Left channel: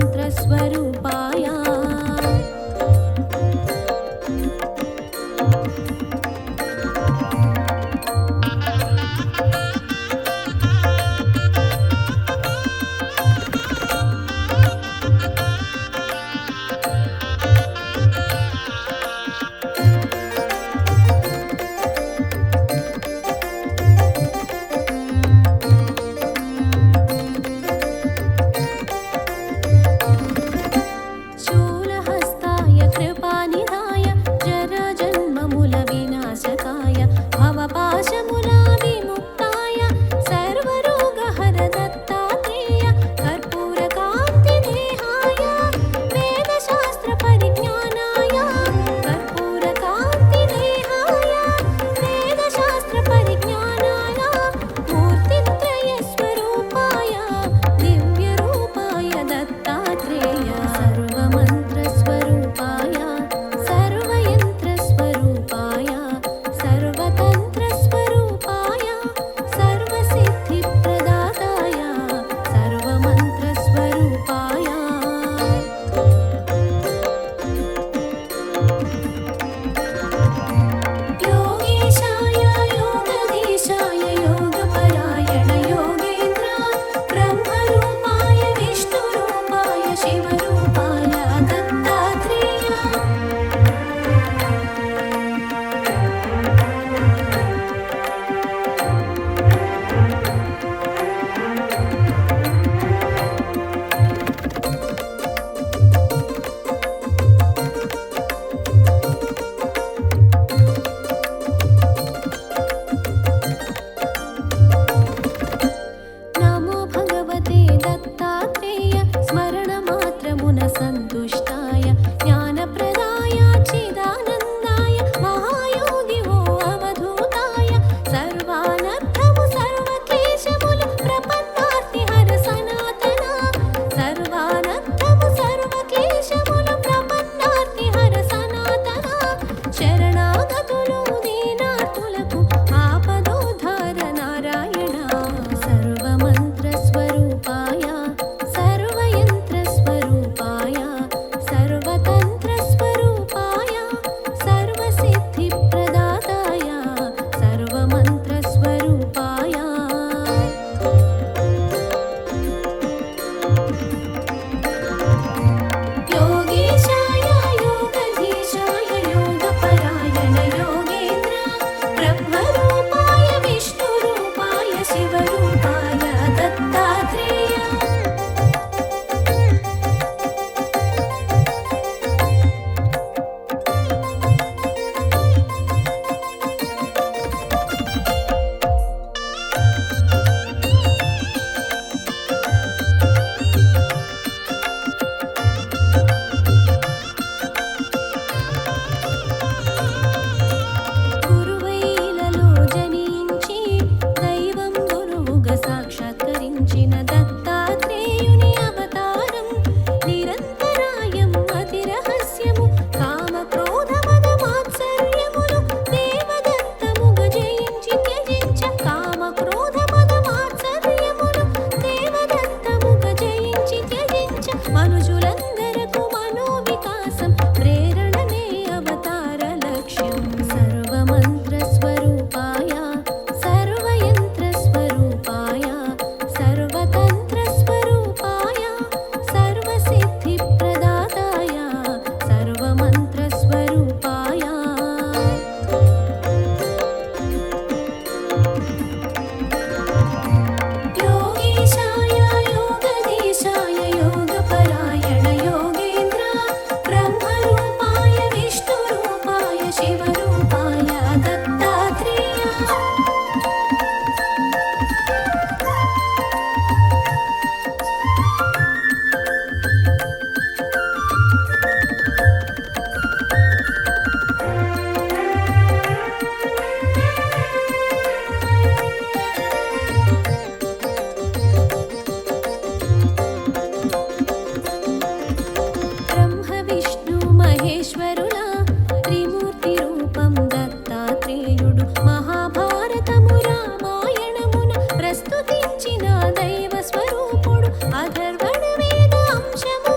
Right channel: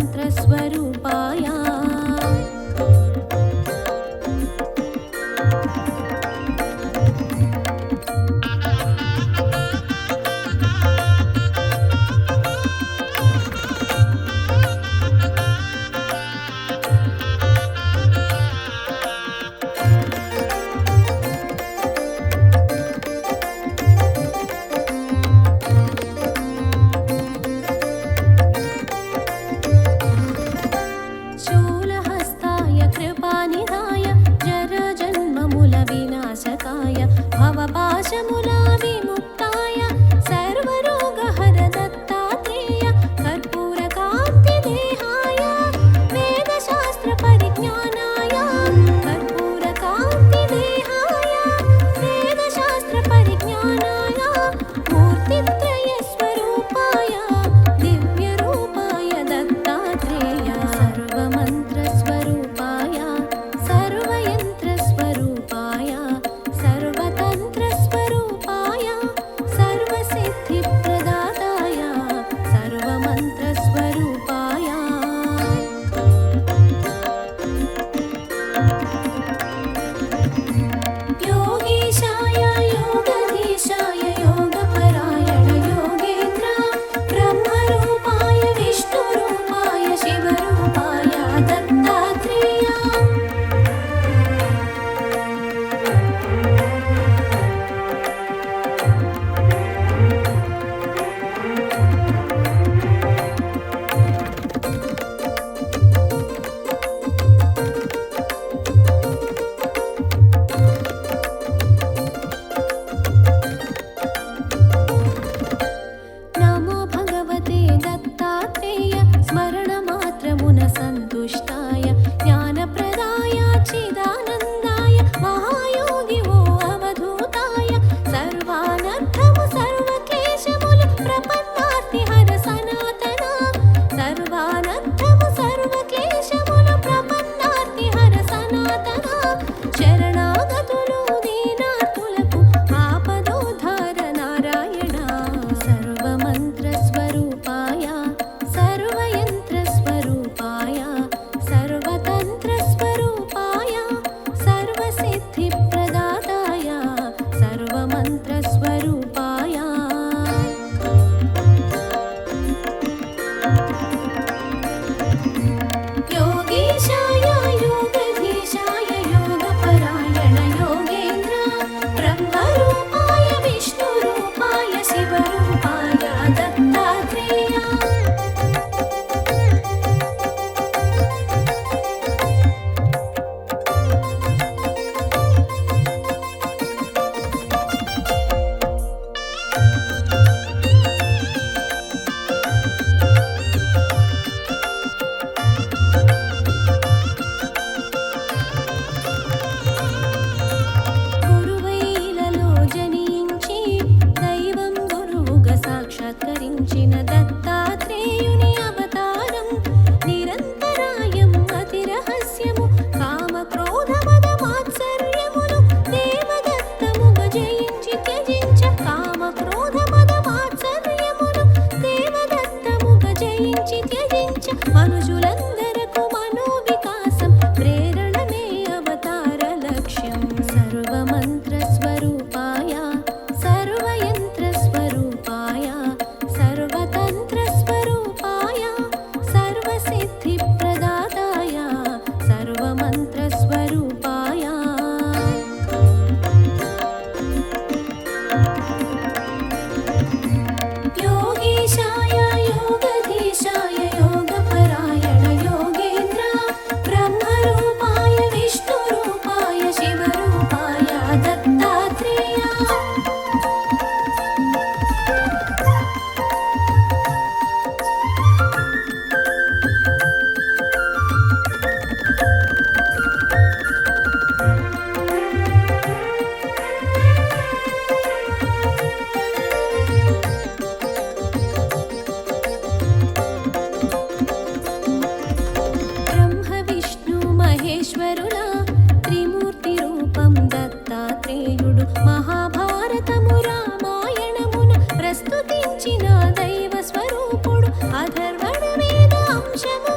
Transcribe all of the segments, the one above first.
सर्वमन्त्रस्वरूपाय कृपानिधाय जरजन्ममूलविनाशकाय भवपाशमूलविमुक्ताय सर्वरोगहर दत्तात्रेय कर्पूरकान्तिदेहाय वेदशास्त्रपरिज्ञानाय कर्पूरकान्तिदेहाय वेदशास्त्रपरिज्ञानाय मूर्तित्रयस्वरूपाय दिव्यरूपाय दत्तात्रेय सर्वमन्त्रस्वरूपाय सर्वयन्त्रस्वरूपाय सर्वतन्त्रस्वरूपाय सर्वसिद्धिप्रदाताय सर्वमन्त्रस्वरूपाय योगेशाय योगधीशाय योगपरायण योगेन्द्र ब्रह्मरूपाय विष्णुरूपाय शिवरूपाय दत्तात्रेय नमो भगवते दत्तात्रेय स्मरणमात्रमुन सन्तुष्टाय ज्ञानप्रदाय चिदानन्दाय महायोगी वो अवधूताय सर्वानर्थमु सर्वक्लेशमुल प्रपन्नार्तिहर सनातना सर्वानर्थमु सर्वक्लेशमुल प्रपन्नार्तिहर सनातना शरणागतुलु दीनार्तुలకు ఆపదోద్ధార నారాయణ सर्वमन्त्रस्वरूपाय सर्वयन्त्रस्वरूपाय सर्वतन्त्रस्वरूपाय सर्वसिद्धिप्रदाताय सर्वमन्त्रस्वरूपाय योगेशाय योगधीशाय योगपरायण योगेन्द्र ब्रह्मरूपाय विष्णुरूपाय शिवरूपाय दत्तात्रेय గురువైలలో జనించి దైవం గురువుగా సాక్షాత్కరించిన దత్తాత్రేయుని అవతారం నిరంతరాయం అతి రహస్యము కామ క్రోధ మద మాత్సర్యములు దేవదత్తముగా జయించి త్యజించ కామ క్రోధ మద మాత్సర్యములు దేవదత్తముగా జయించి త్యజించ మనుషులందరకు మనోవికాసం ప్రేరణమే అవతార లక్ష్యం सर्वमन्त्रस्वरूपाय सर्वयन्त्रस्वरूपाय सर्वतन्त्रस्वरूपाय सर्वसिद्धिप्रदाताय सर्वमन्त्रस्वरूपाय योगेशाय योगधीशाय योगपरायण योगेन्द्र ब्रह्मरूपाय विष्णुरूपाय शिवरूपाय दत्तात्रेय ब्रह्म विष्णु महेश्वरुला त्रिमूर्ति रूपं दत्तात्रेयुडु महाभारतमु रामायणमुन प्रस्तुतिंచిన దైవ స్వరూపుడు అధర్వణ వేద అంశము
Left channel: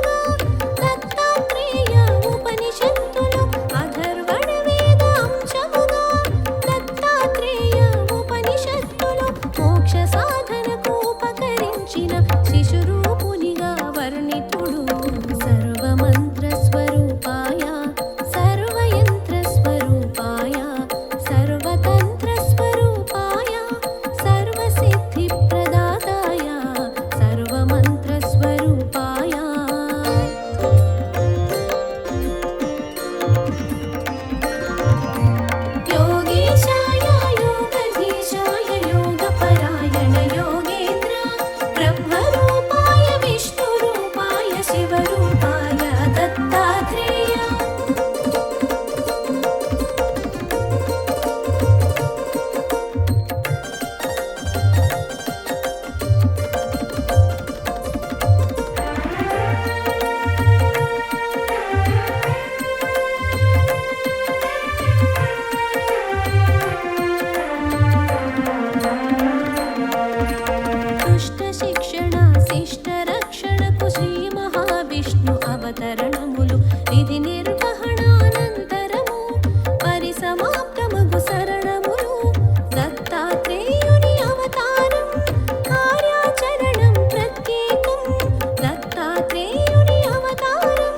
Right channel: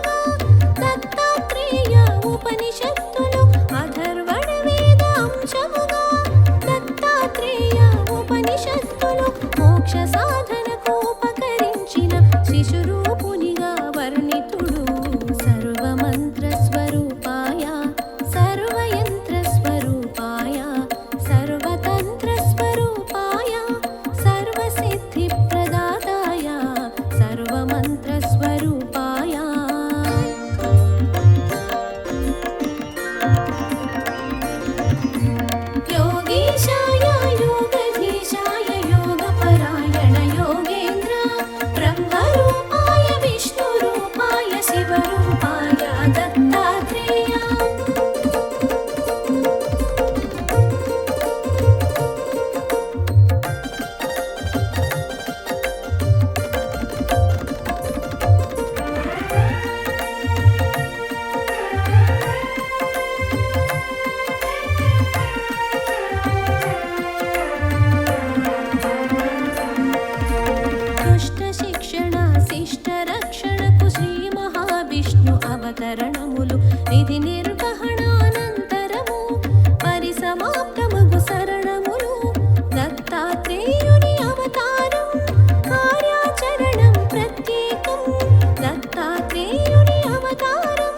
అవతరణములు విధి నిర్వహణానంతరము పరిసమాప్తమగు శరణములు దత్తాత్రేయుని అవతారం కార్యాచరణం ప్రత్యేకం దత్తాత్రేయుని అవతారం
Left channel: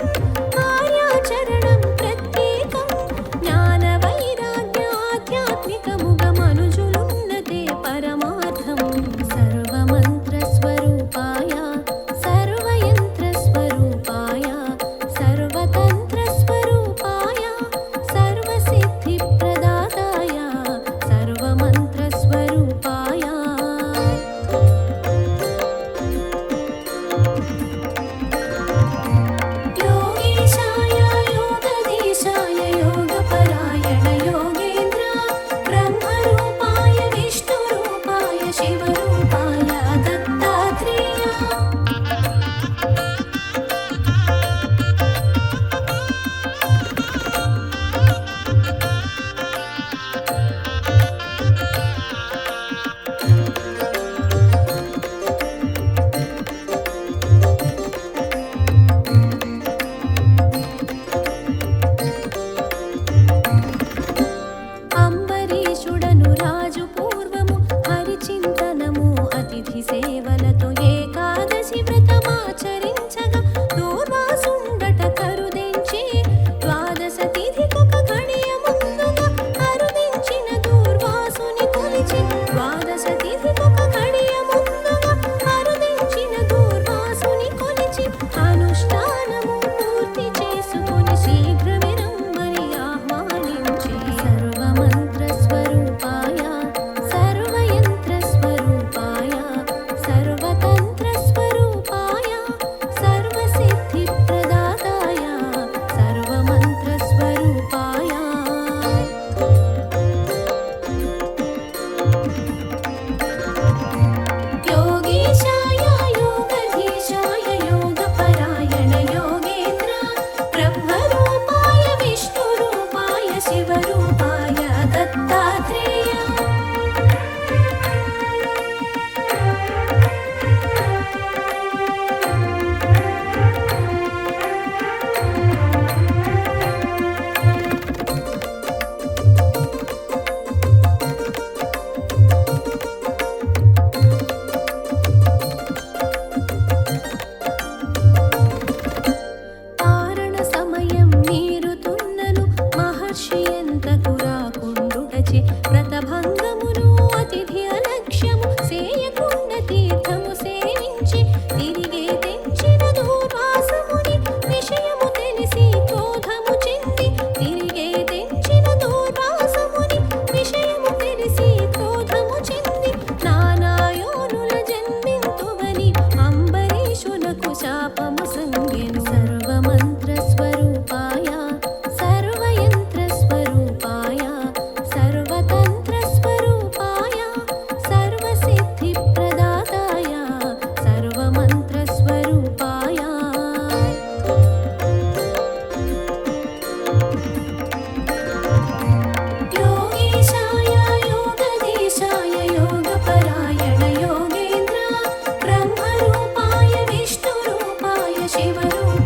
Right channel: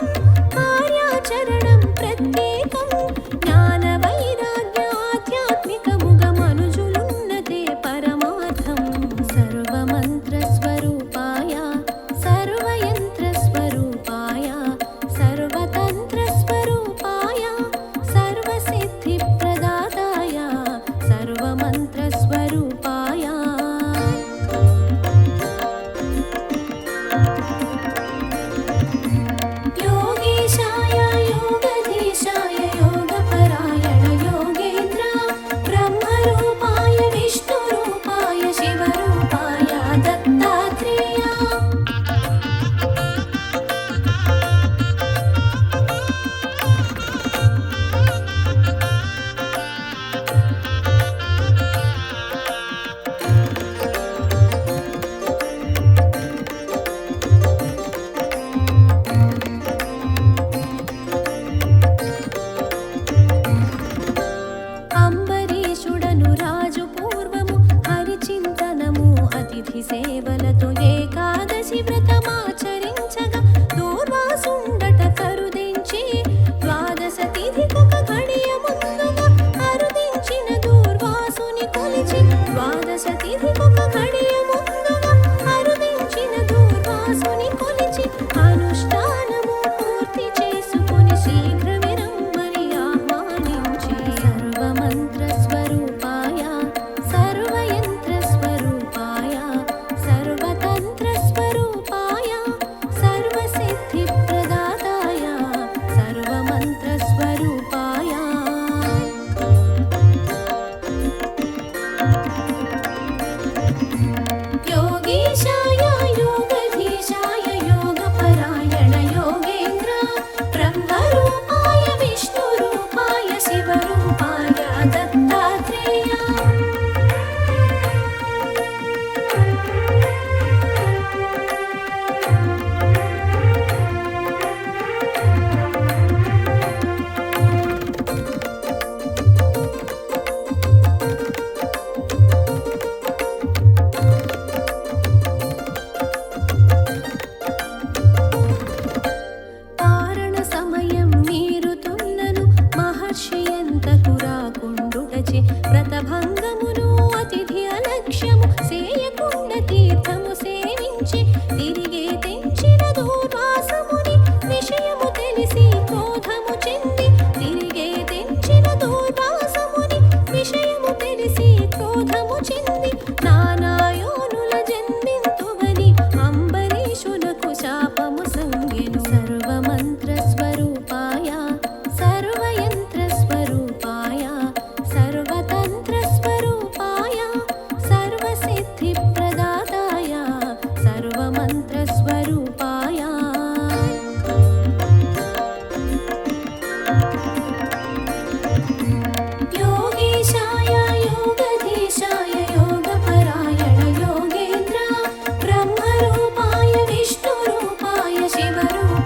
కార్యాచరణం ప్రత్యేకం జ్ఞాన వైరాగ్య ఆధ్యాత్మికముగ మనుజులున్నతే పరమార్థం సర్వమంత్ర స్వరూపాయ సర్వయంత్ర స్వరూపాయ సర్వతంత్ర స్వరూపాయ సర్వసిద్ధి ప్రదాతాయ సర్వమంత్ర స్వరూపాయ योगेशाय योगधीशाय योगपरायण योगेन्द्र ब्रह्मरूपाय विष्णुरूपाय शिवरूपाय दत्तात्रेय అంబరీషుడను రాజు పూర్వము హరిచింతనము అతిథి సేవలతో ఏకాదశి వ్రతమాచరించగా దూర్వాసుండట కరుదించి ద్వాదశ తిథికొక ఘడియ ముందుగా అరుదించిన దూర్వాసుని కొలిచి ద్వాదశ తిథికొక ఘడియ ముందుగా అరుదించిన దూర్వాసుని కొలిచి అనుష్ఠానము పూర్తి చేసుకొని శీఘ్రమే రమ్మని ఆహ్వానించి సర్వమంత్ర స్వరూపాయ సర్వయంత్ర స్వరూపాయ సర్వతంత్ర స్వరూపాయ సర్వసిద్ధి ప్రదాతాయ సర్వమంత్ర స్వరూపాయ योगेशाय योगधीशाय योगपरायण योगेन्द्र ब्रह्मरूपाय विष्णुरूपाय शिवरूपाय दत्तात्रेय పారణ సమయం మీరుతున్నను మహర్షి ఎంతకు రాకుండుటచే వ్రతభంగమును అతిథి అలక్ష్యము సేయకుండ తీర్థము సేవించి తిరిగే తెంచిన దూర్వాసముని విషయము తెలిసి క్రోధము చెంది తిరిగే తెంచిన దూర్వాసముని విషయము తెలిసి క్రోధము చెంది నానాయోనుల జన్మింతువని అంబరీషునకు శాపము సంగెను సర్వమంత్ర స్వరూపాయ సర్వయంత్ర స్వరూపాయ సర్వతంత్ర స్వరూపాయ సర్వసిద్ధి ప్రదాతాయ సర్వమంత్ర స్వరూపాయ योगेशाय योगधीशाय योगपरायण योगेन्द्र ब्रह्मरूपाय विष्णुरूपाय शिवरूपाय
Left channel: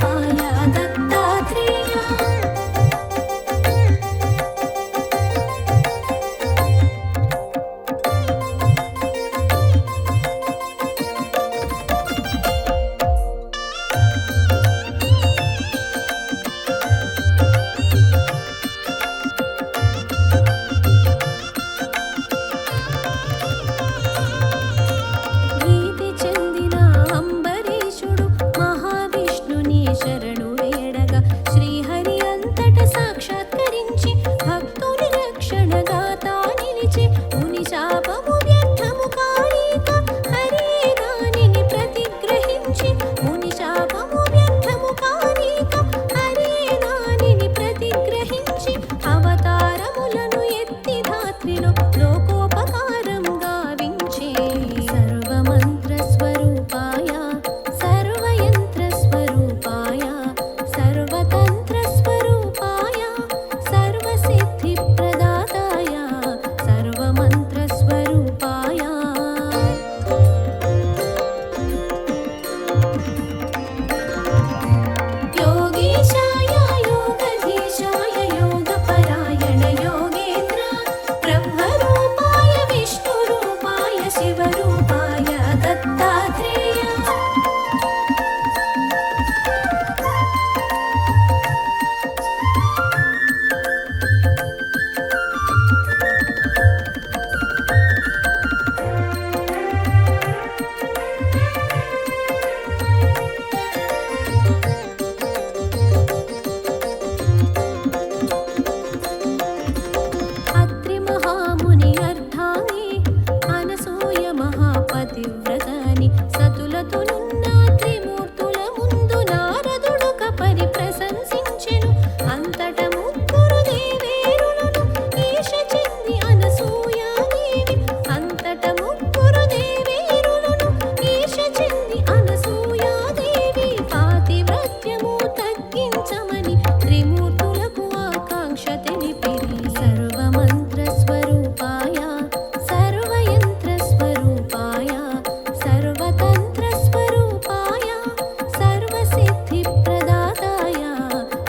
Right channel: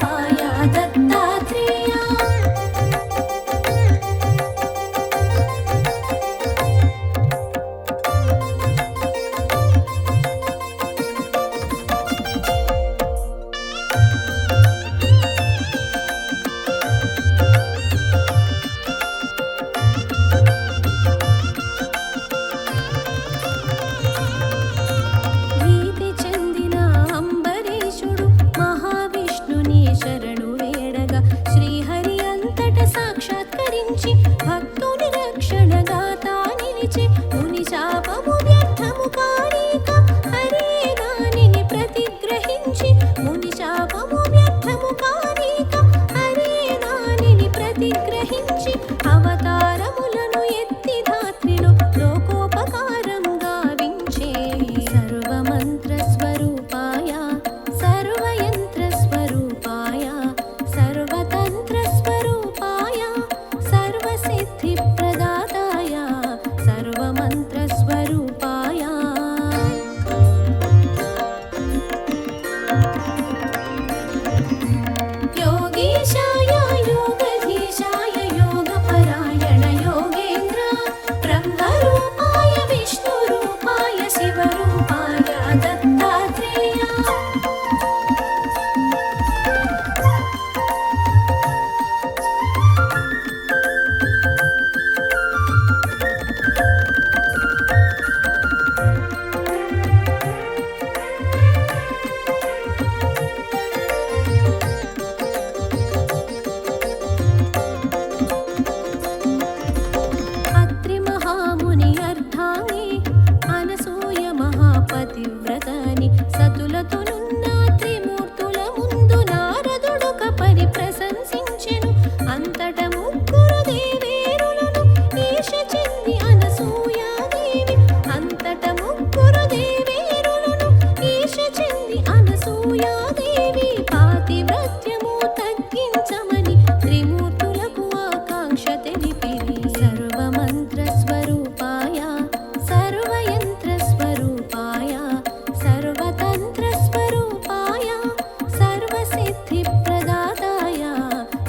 सर्वसिद्धिप्रदाताय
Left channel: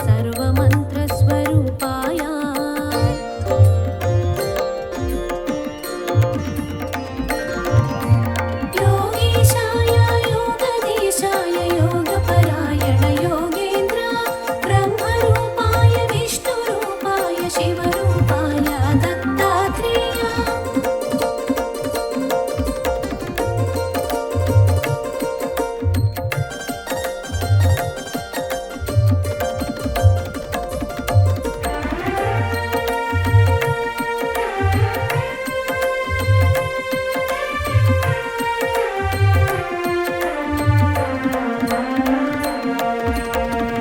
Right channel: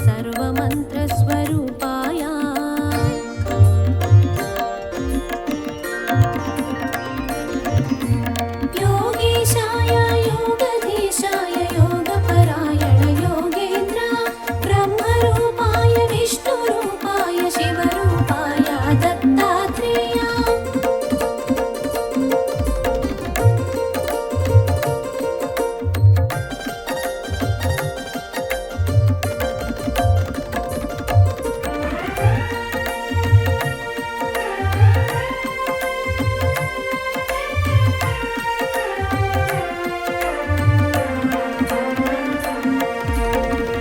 सर्वमन्त्रस्वरूपाय योगीशाय योगधीशाय योगपरायण योगेन्द्र ब्रह्मरूपाय विष्णुरूपाय शिवरूपाय दत्तात्रेय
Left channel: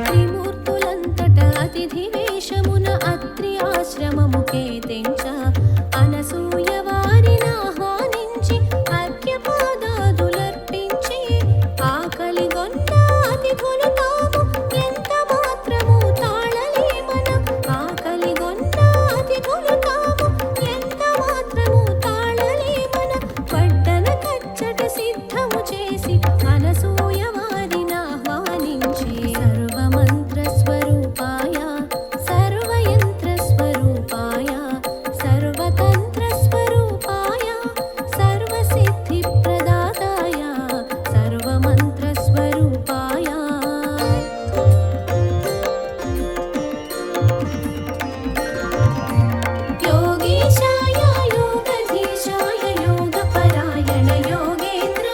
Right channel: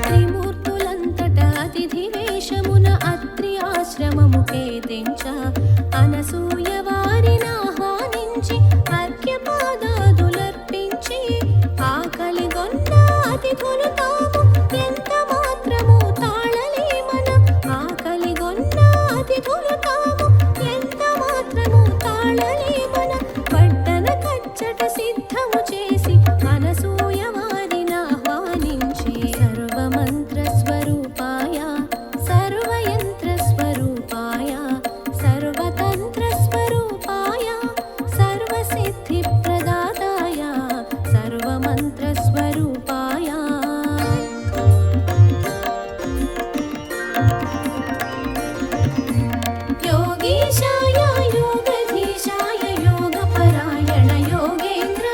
త్రిమూర్తులంతట అతిథి వేషమున అత్రి ఆశ్రమముకే తెంచ అనసూయ వారిని ఆహ్వానించి అర్ఘ్యపాదాదులర్పించి ఆకలిగొన్న అతిథులు తాము ఎంత మాత్రము తాళలేమన ఆకలిగొన్న అతిథులు తాము ఎంత మాత్రము తాళలేమన వడ్డన కచ్చట సిద్ధము చేసి అనసూయ వారిని ఆహ్వానించి సర్వమంత్రస్వరూపాయ సర్వయంత్రస్వరూపాయ సర్వతంత్రస్వరూపాయ సర్వసిద్ధిప్రదాతాయ సర్వమంత్రస్వరూపాయ योगीशाय योगधीशाय योगपरायण योगेन्द्र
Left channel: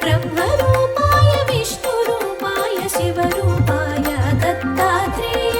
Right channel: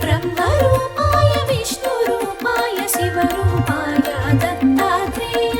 ब्रह्मरूपाय विष्णुरूपाय शिवरूपाय दत्तात्रेय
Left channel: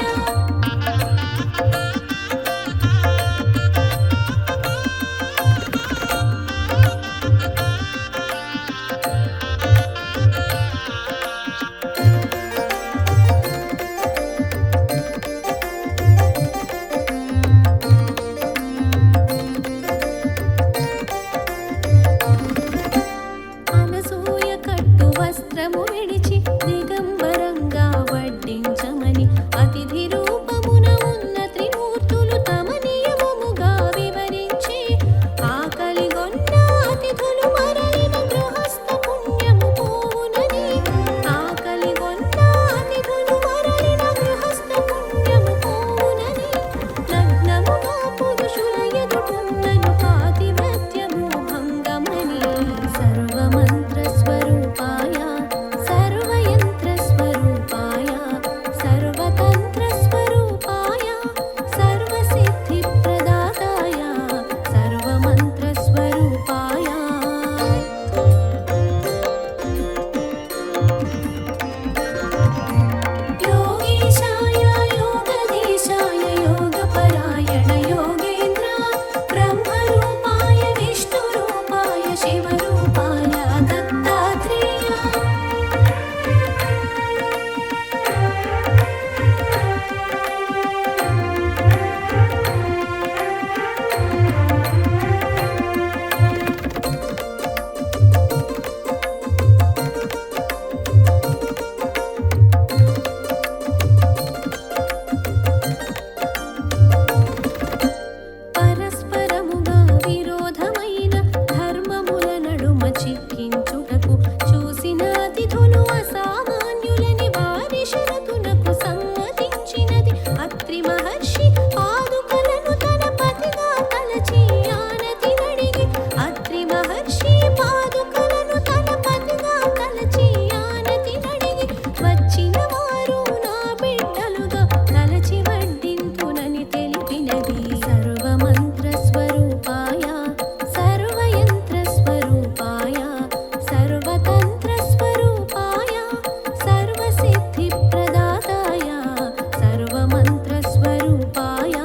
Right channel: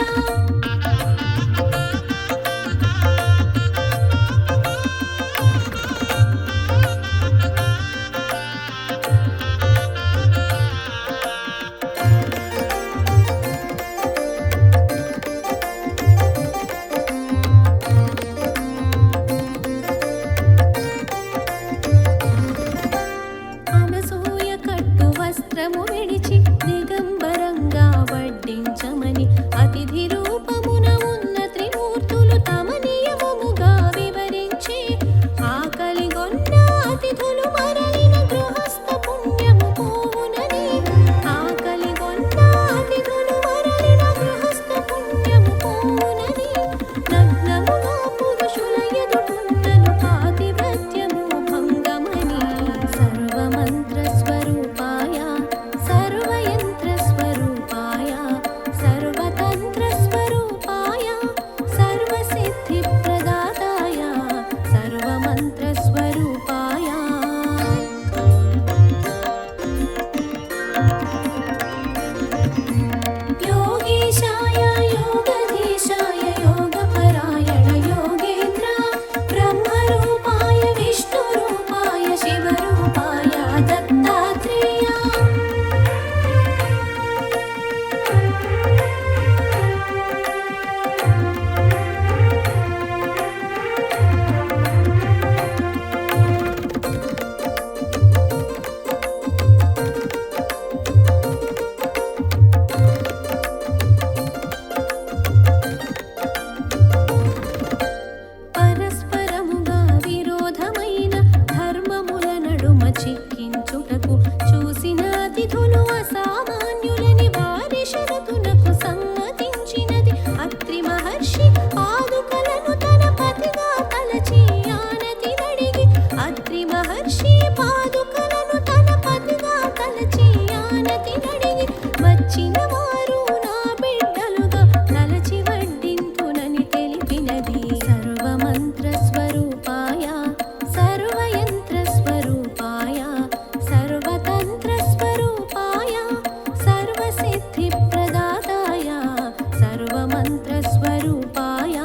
అనసూయ కట్టు వస్త్రము విడిచి దిగంబరంగా వడ్డించమని అతిథి రూపమున ఉన్న త్రిమూర్తులు తమ నియమముగా వివరించి ఆకలిగొన్న అతిథులు మరలిన గృహస్థ పుణ్యము పోవునని ఆకలిగొన్న అతిథులు మరలిన గృహస్థ పుణ్యము పోవునని నగ్నముగా పురుషుల ఎదుటున్నను పాతివ్రత్యము భంగమని సర్వమంత్రస్వరూపాయ సర్వయంత్రస్వరూపాయ సర్వతంత్రస్వరూపాయ సర్వసిద్ధిప్రదాతాయ సర్వమంత్రస్వరూపాయ योगीशाय योगधीशाय योगपरायण योगेन्द्र ब्रह्मरूपाय विष्णुरूपाय शिवरूपाय दत्तात्रेय పరస్పరముగా విరోధమైన ధర్మముల నడుమ చిక్కించుటకు చూసిన అతిథులు అసామాన్యులని వారి షరతునకు సమ్మతించినది అత్రి మహర్షి పాదుకలను తన పతిగా తలచి ఆనతి నడిగి అత్రి మహర్షి పాదుకలను తన పతిగా తలచి ఆనతి నడిగి వచ్చిన వారు నా బిడ్డలుగా తలచి వడ్డింతునని తెలిపినది సర్వమంత్రస్వరూపాయ సర్వయంత్రస్వరూపాయ సర్వతంత్రస్వరూపాయ సర్వసిద్ధిప్రదాతాయ సర్వమంత్రస్వరూపాయ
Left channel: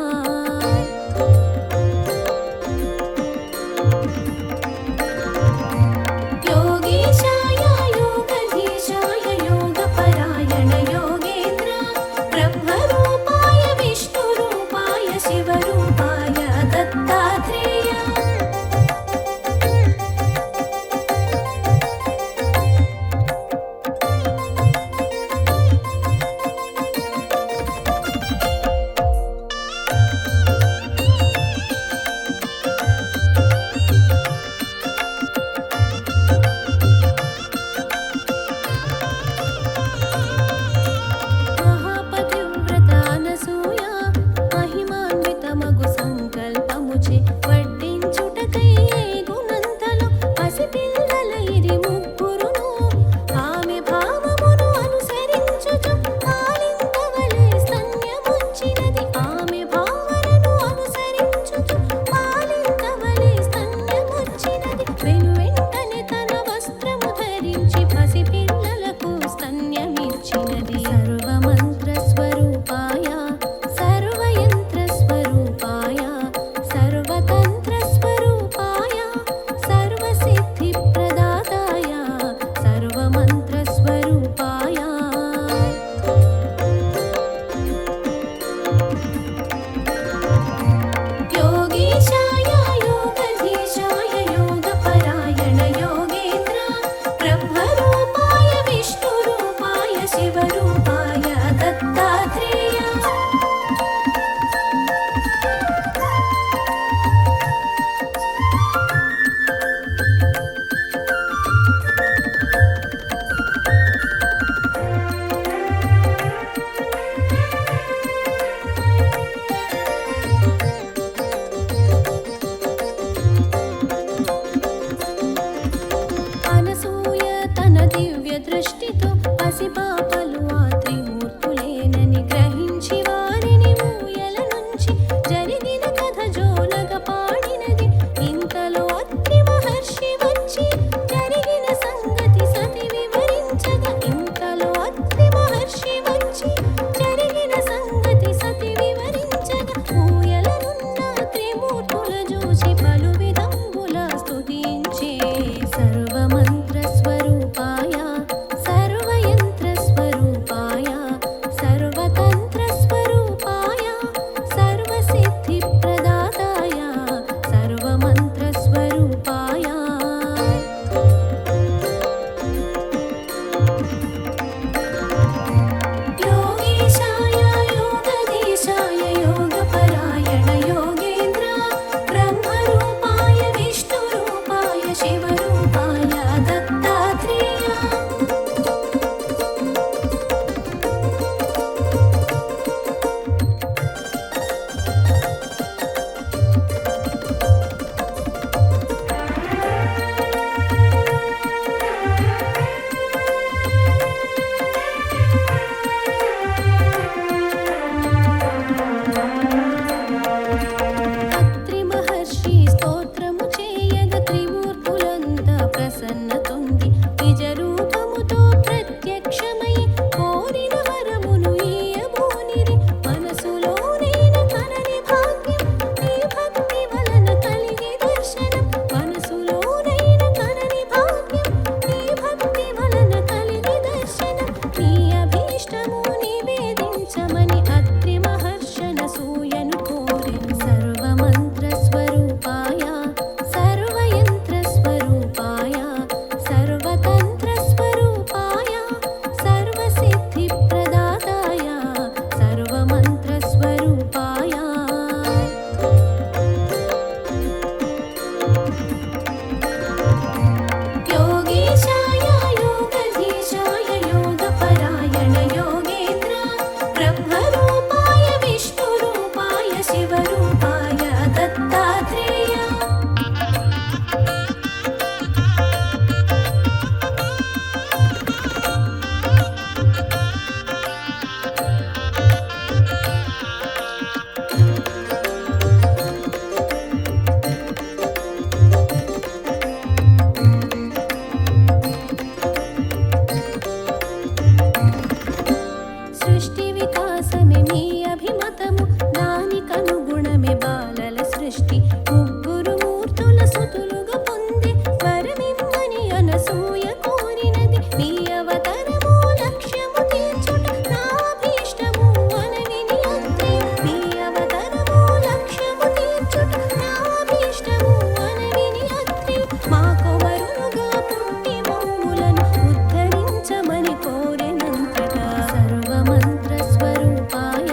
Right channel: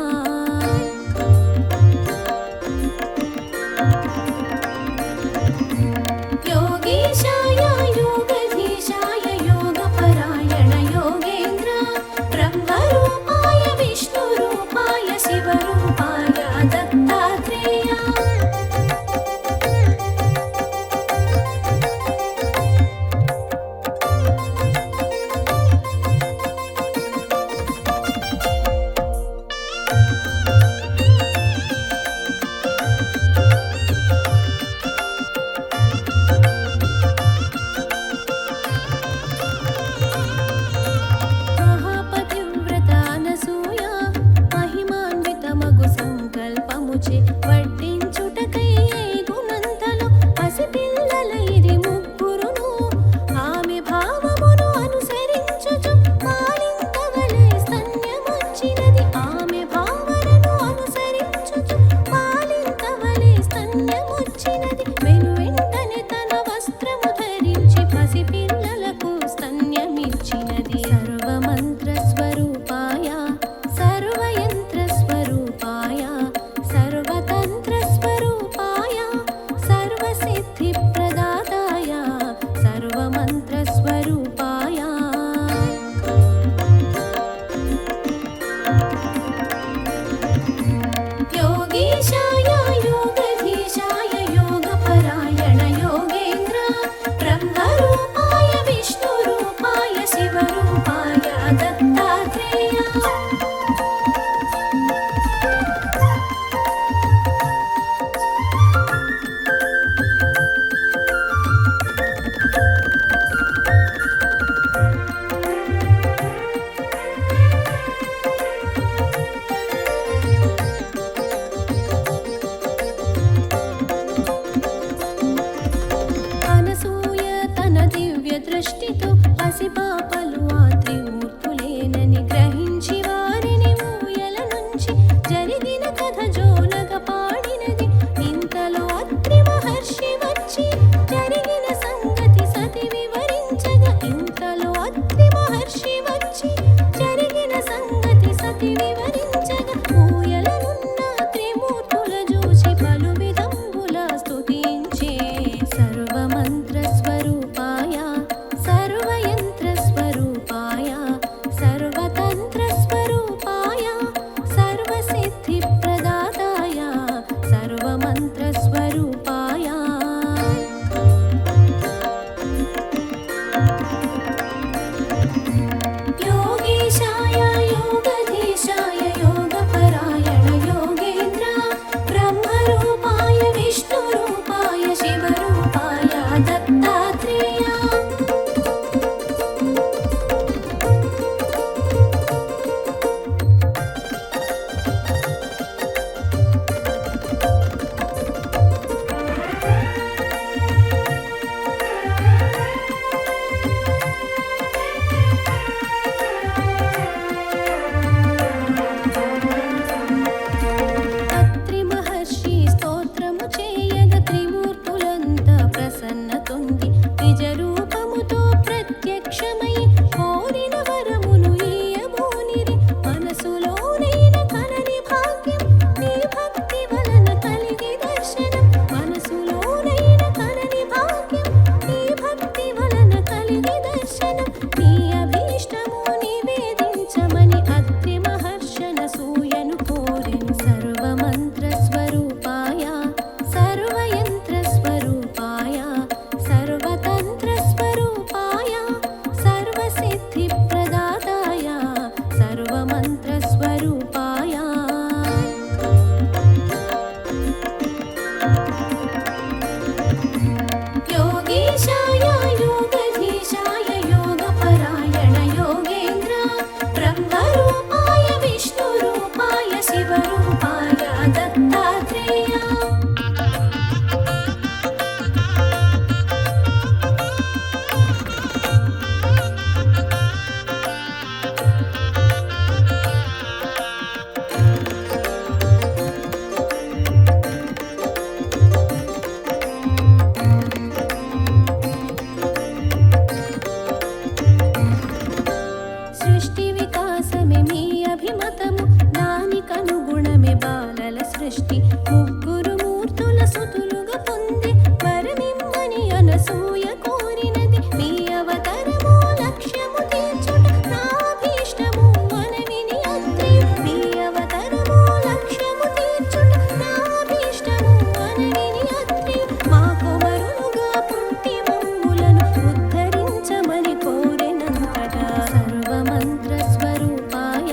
సృష్టి వికాసమే మీ అభిమతము, దానికనుగుణమే బాలల సృష్టి. ముగ్గురు మూర్తుల సుతులుగా పొంది వరమిమ్మని అనసూయ కోరినది, మీ అవతరము లక్ష్యము తీర్చుట నా అభీష్టము అనవిని అత్రి. మీ అవతరము లక్ష్యము తీర్చుట నా అభీష్టము అనవిని అత్రి. మా కొమరులుగా పుట్టి మమ్ములను ఉద్ధరించమని కోరెనంతటా. సర్వమంత్ర స్వరూపాయ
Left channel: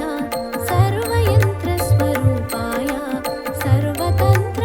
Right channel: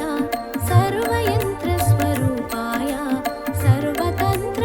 సర్వయంత్ర స్వరూపాయ సర్వతంత్ర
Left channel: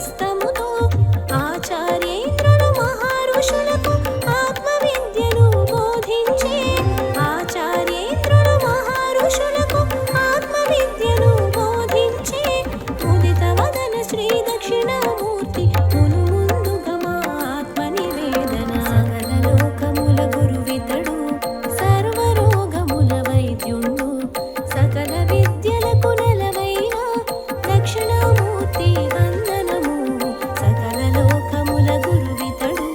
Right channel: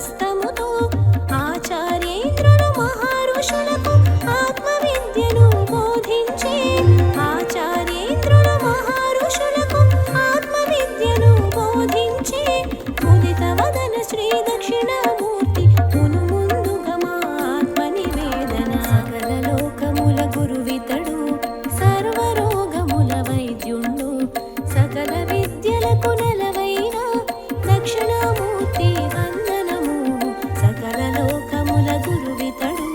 హస్తముతో ఆచార్యేంద్రులు మహర్షులకు ఆత్మ విద్యను బోధించే ఆచార్యేంద్రులు మహర్షులకు ఆత్మ విద్యను బోధించే ముదిత వదన శ్రీ దక్షిణామూర్తి మును ముందుగా మా ఆత్మ నివేదన సకల లోకముల గురువితడు సర్వరోగముల వైద్యుండు సకల విద్యలకు నెలవైన దక్షిణామూర్తి వందనము సకల లోకముల గురువితడు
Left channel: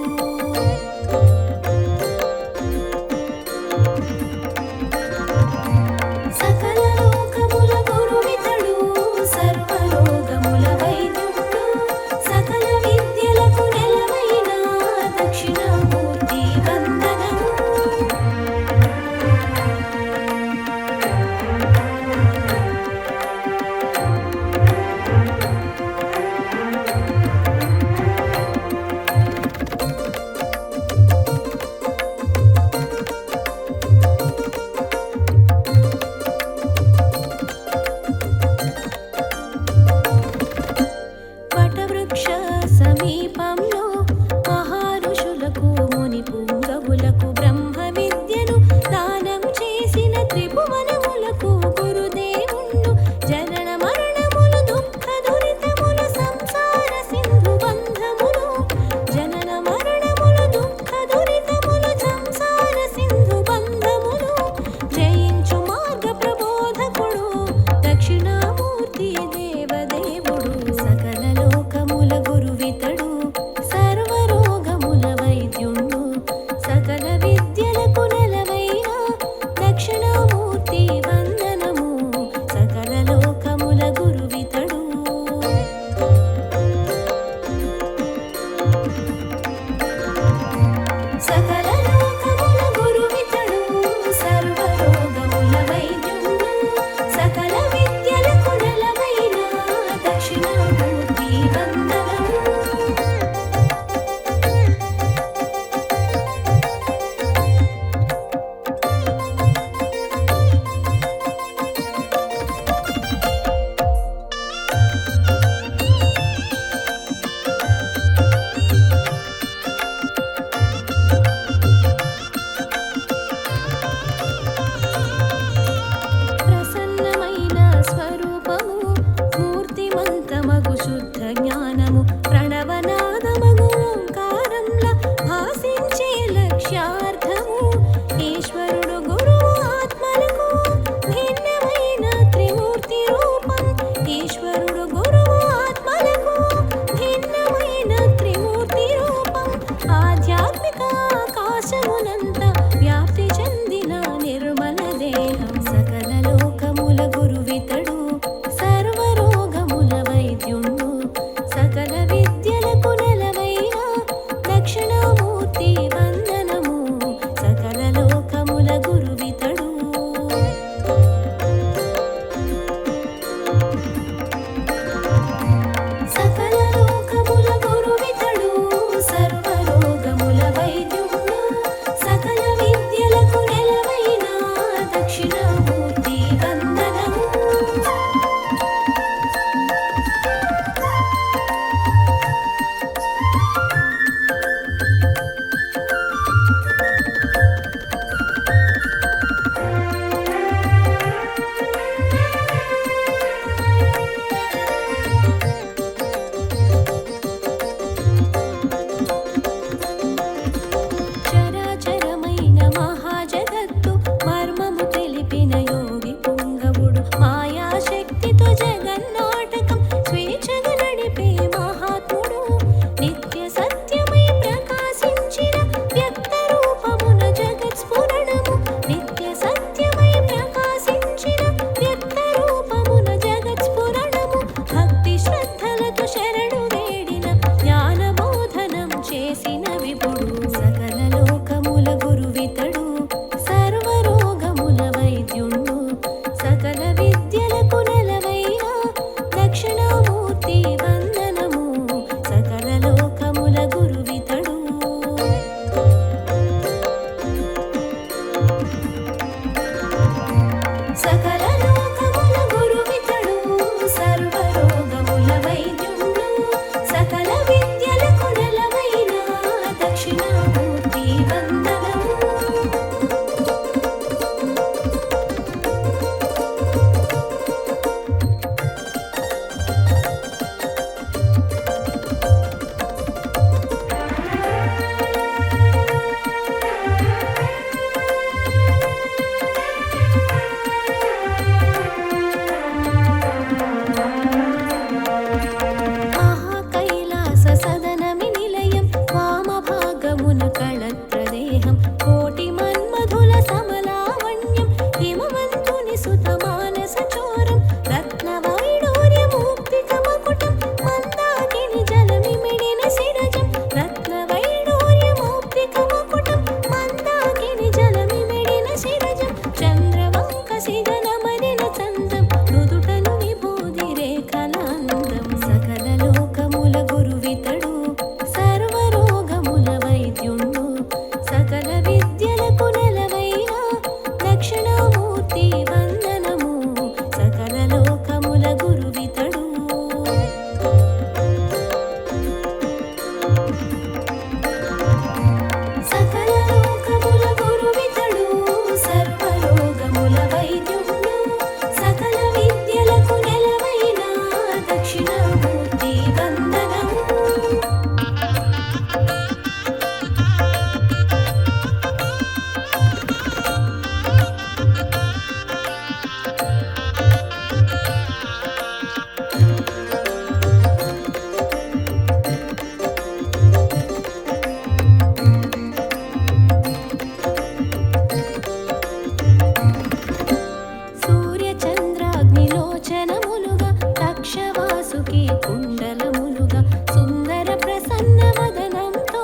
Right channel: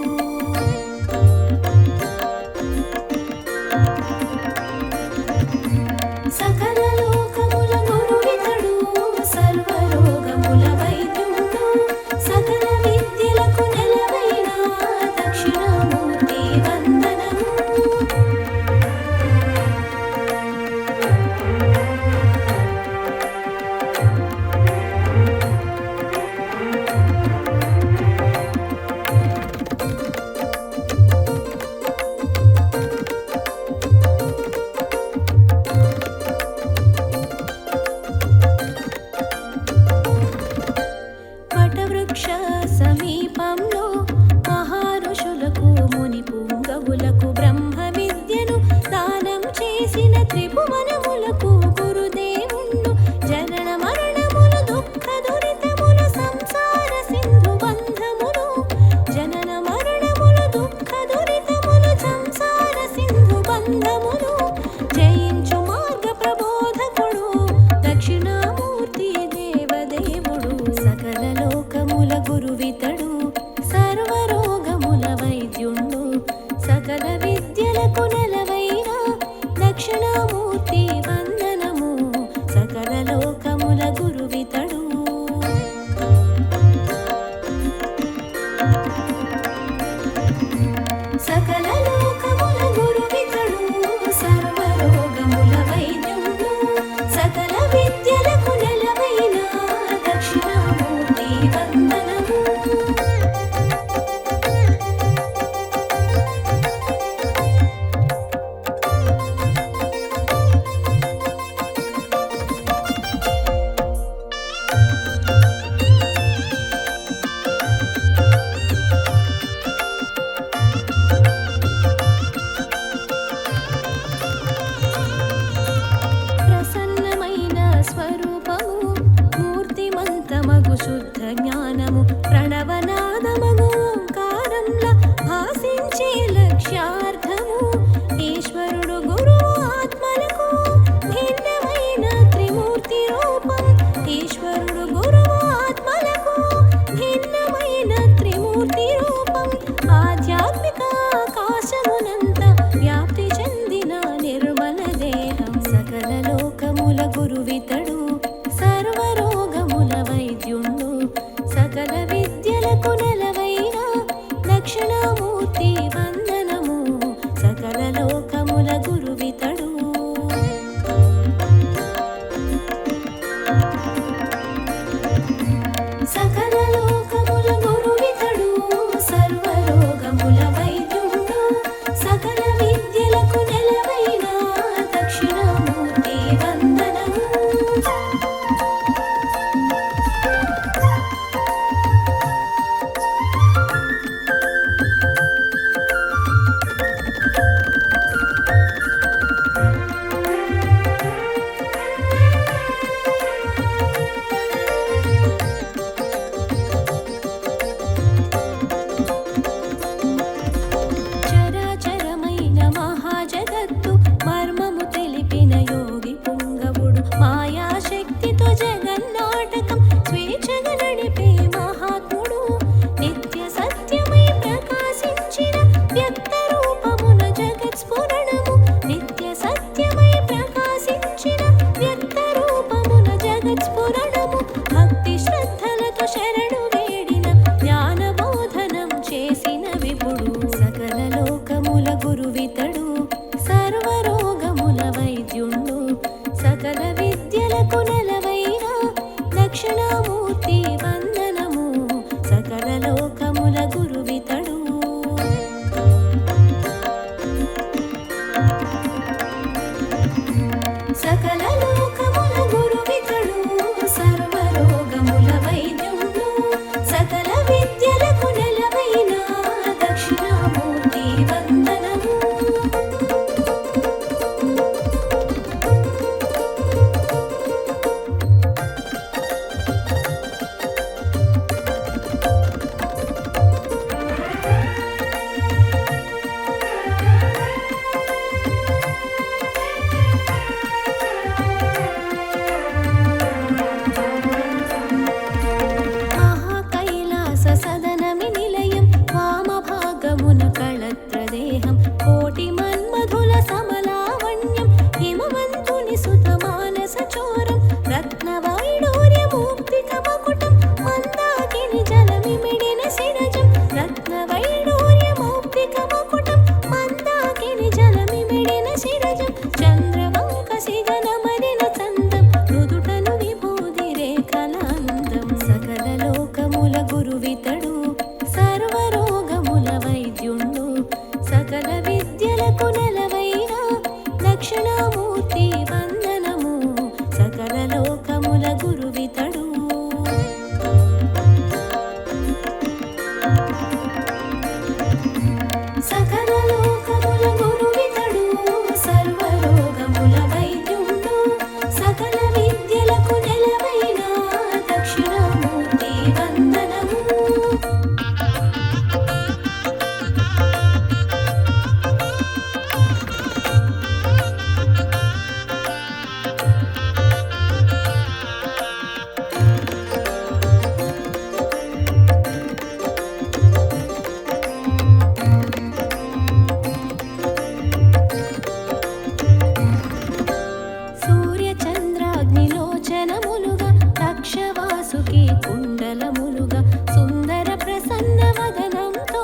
సకల లోకముల గురువితడు సర్వరోగముల వైద్యుండు సకల విద్యలకు నెలవైన దక్షిణామూర్తి వందనము వటవృక్ష సమీపంలో మహర్షులకు ముని పుంగవులకు బ్రహ్మ విద్యను దానం చేసిన త్రిభువనములకు గురుదేవుండు జనన మరణములు దుఃఖ దురితములు సంసార సింధు బంధములు జనన మరణములు దుఃఖ దురితములు సంసార సింధు బంధములు జయించు మార్గ ప్రబోధకుడు దక్షిణామూర్తి దేవదేవుడు సకల లోకముల గురువితడు సర్వరోగముల వైద్యుండు సకల విద్యలకు నెలవైన దక్షిణామూర్తి వందనము సకల లోకముల గురువితడు సకల లోకముల గురువితడు సర్వరోగముల వైద్యుండు సకల విద్యలకు నెలవైన దక్షిణామూర్తి వందనము ప్రసన్నమైన స్వరూపము మూర్తిమంతమగు శుద్ధ జ్ఞానము ప్రణవనాదమగు ఓంకారంలా భాసించే లక్ష్యార్థము ఈశ్వరుడు గురువు ఆత్మలకు భిన్నమైన త్రిమూర్తి రూపం ఈశ్వరుడు గురువు ఆత్మలకు భిన్నమైన త్రిమూర్తి రూపం ఆధ్యాత్మిక ఆకాశమునంత వ్యాప్తి చెందిన నిర్మల దేహం సకల లోకముల గురువితడు సర్వరోగముల వైద్యుండు సకల విద్యలకు నెలవైన దక్షిణామూర్తి వందనము సకల లోకముల గురువితడు సకల లోకముల గురువితడు సర్వరోగముల వైద్యుండు సకల విద్యలకు నెలవైన దక్షిణామూర్తి వందనము సదనమి నిలయం వామభాగమున కళత్రదేహం కోటి మన్మధుల సమలావణ్యం హిమవంతుని సుత మానస చోరం రత్నవైడూర్యమూక్తికమకుటం మందాకిని జలమిమిడిన శిరజం రత్నవైడూర్యమౌక్తికమకుటం మందాకిని జలమిమిడిన శిరజం చంద్రవంకసిగనమరిన చందం మృదుటను విభూది రేఖలాందం సకల లోకముల గురువితడు సర్వరోగముల వైద్యుండు సకల విద్యలకు నెలవైన దక్షిణామూర్తి వందనము సకల లోకముల గురువితడు సకల లోకముల గురువితడు సర్వరోగముల వైద్యుండు సకల విద్యలకు నెలవైన దక్షిణామూర్తి వందనము సూర్యచంద్రాగ్నిలోచనములుగా తక్షవాసుకి కుండలములుగా సుందర ప్రసన్న వదనంతో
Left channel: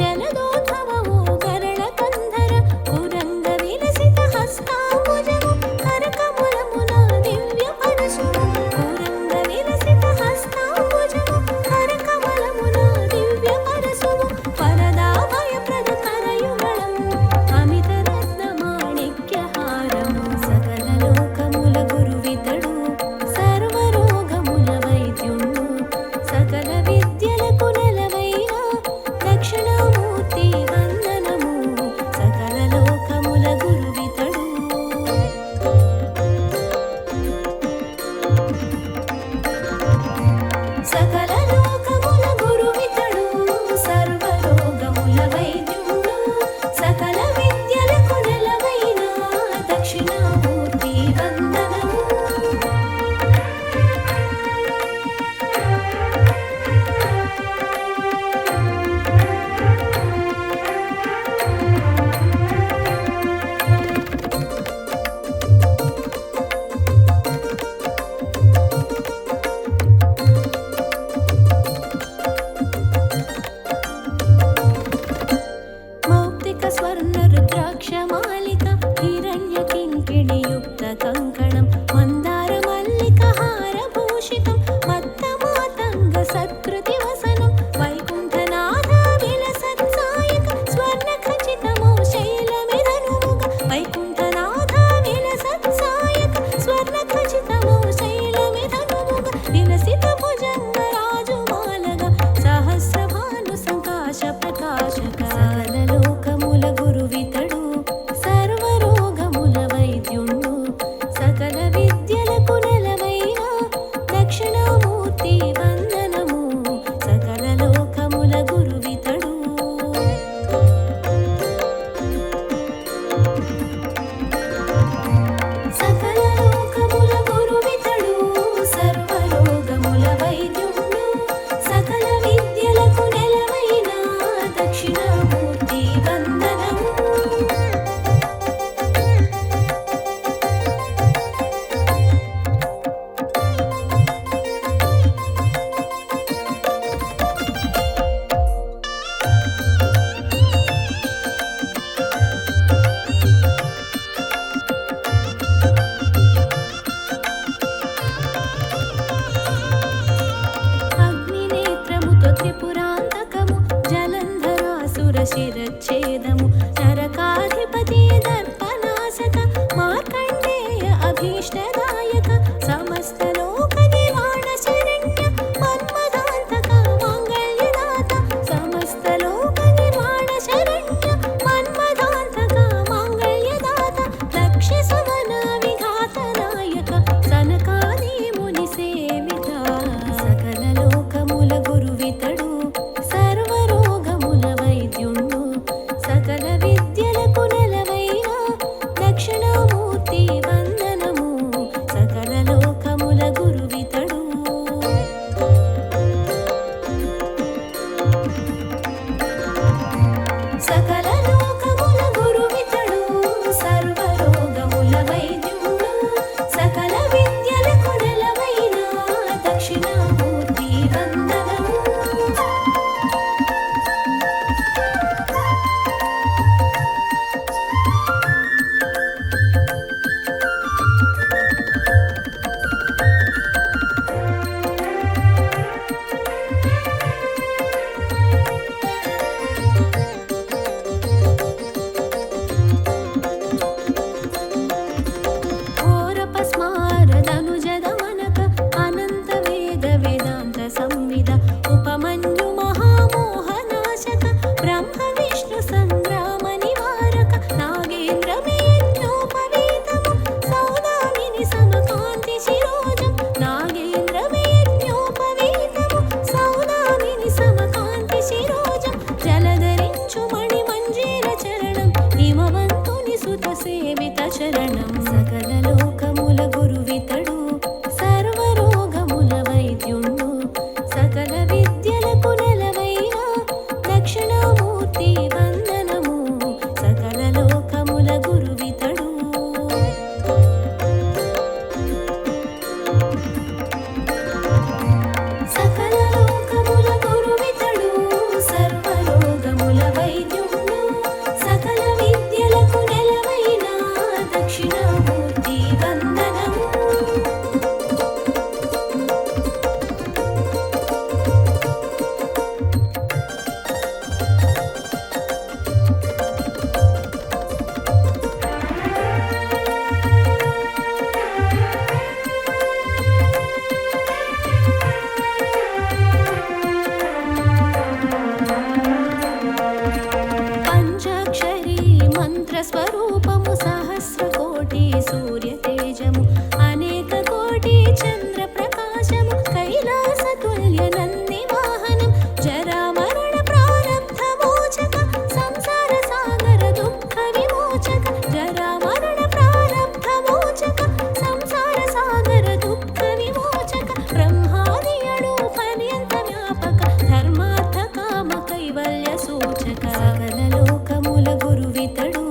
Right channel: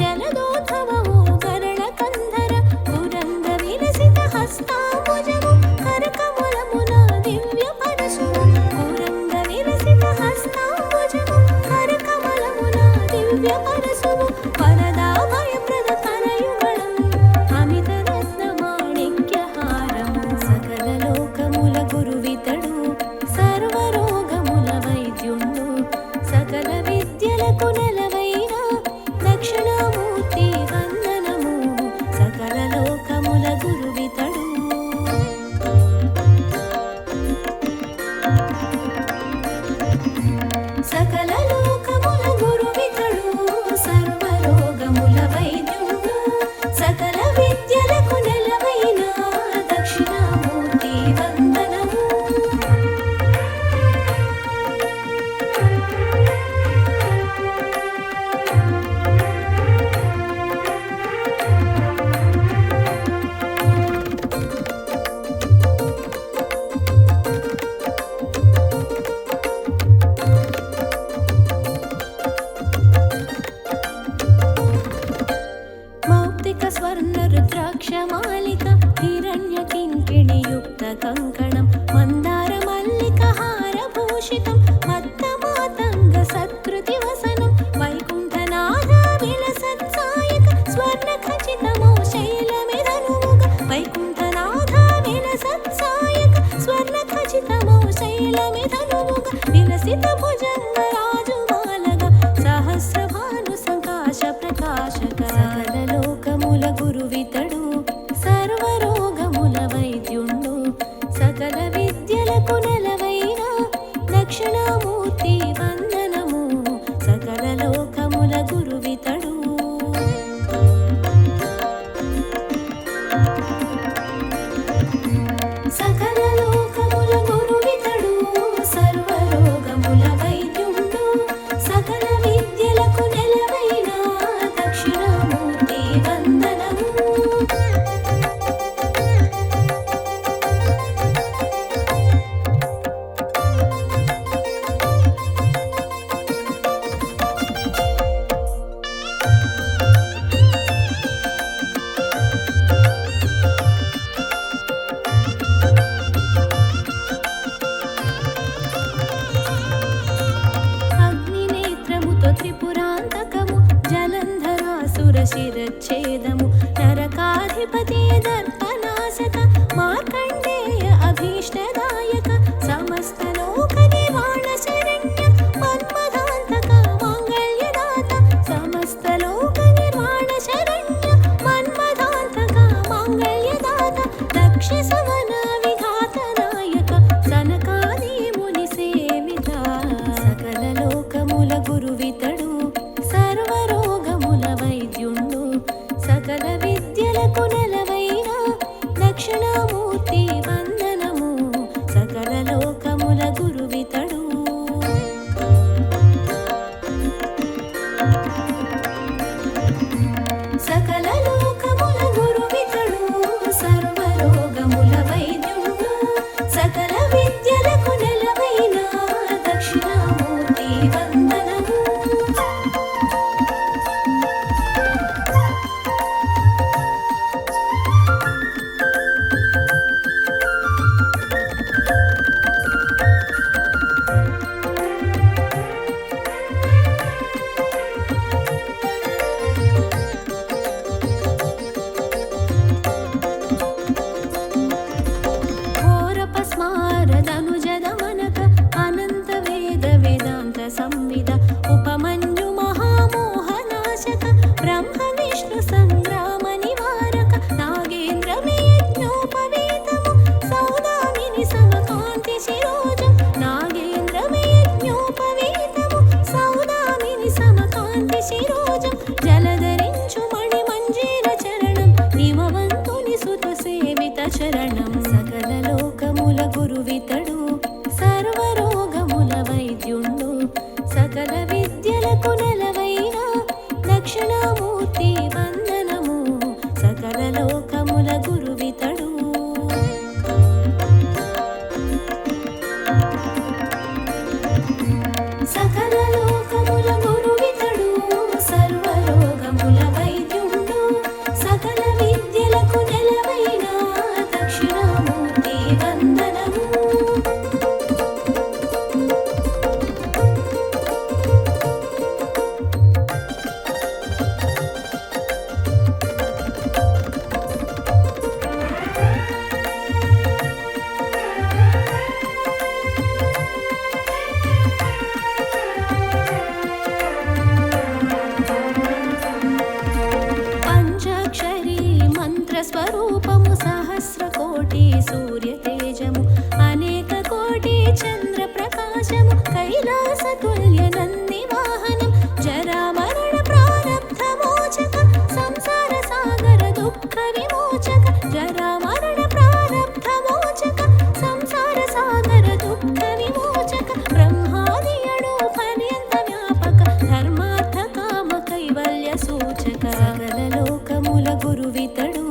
జలదోద్భవము గరళ కంధర పురంగ విలసిత హస్తాంబుజము కరకములమున దివ్య పరశువు పురంగ విలసిత హస్తాంబుజము కరకమలమున దివ్య పరశువు వరదాభయప్రద కరయుగళం అమిత రత్న మాణిక్యహారము సకల లోకముల గురువితడు సర్వరోగముల వైద్యుండు సకల విద్యలకు నెలవైన దక్షిణామూర్తి వందనము సకల లోకముల గురువితడు సకల లోకముల గురువితడు సర్వరోగముల వైద్యుండు సకల విద్యలకు నెలవైన దక్షిణామూర్తి వందనము మౌక్తిక స్వర్ణ రుద్రాక్షమాలిక హిరణ్య కింకిణియుక్త కంకణం మందార మల్లిక హారభూషితం మత్త మాతంగ సత్కృతి వసనం వైకుంఠనాథ విలసత్సాయక స్వర్ణ ఖచితమౌ శైలమిధనుముగ వైకుంఠనాథ విలసత్సాయక స్వర్ణ ఖచితమౌ శైలమిధనుముగ విలసిత భుజంగ రాజుమాలగ సహస్రభాను సంకాశ ప్రకాశక సకల లోకముల గురువితడు సర్వరోగముల వైద్యుండు సకల విద్యలకు నెలవైన దక్షిణామూర్తి వందనము సకల లోకముల గురువితడు సకల లోకముల గురువితడు సర్వరోగముల వైద్యుండు సకల విద్యలకు నెలవైన దక్షిణామూర్తి వందనము అగ్నినేత్రముతో త్రిపురాంతకము జలంధరాసుర శిరచ్ఛేదము నరకాధిపతి దర్పనాశక మార్కండేయ అభీష్టదాయక సమస్త లోక నిర్వాణ శరణ్య మన్మదాంతక మాంగళ్యదాత సమస్త లోక నిర్వాణ శరణ్య మన్మదాంతక మాంగళ్యదాత లక్ష్య సమన విఘాత నాయక సనకాది ముని సేవిత సకల లోకముల గురువితడు సర్వరోగముల వైద్యుండు సకల విద్యలకు నెలవైన దక్షిణామూర్తి వందనము సకల శరణం సకల లోకముల గురువితడు సర్వరోగముల వైద్యుండు సకల విద్యలకు నెలవైన దక్షిణామూర్తి వందనము సకల లోకముల గురువితడు సకల లోకముల గురువితడు సర్వరోగముల వైద్యుండు సకల విద్యలకు నెలవైన దక్షిణామూర్తి వందనము పంచాక్షరీ మంత్రస్వరూపము సహస్రకోటి సూర్యతేజము అనేక కోటి చంద్ర ప్రకాశము కైలాసతుల్య నంది వాహనం జరామరణ ప్రారబ్ధ మోచక సంసార సాగర దుఃఖ విమోచక జరామరణ ప్రారబ్ధ మోచక సంసార సాగర దుఃఖ విమోచక బ్రహ్మాదియడు పర్యంత వ్యాపక ధర్మార్థ కామ కైవల్య సూచక సకల లోకముల గురువితడు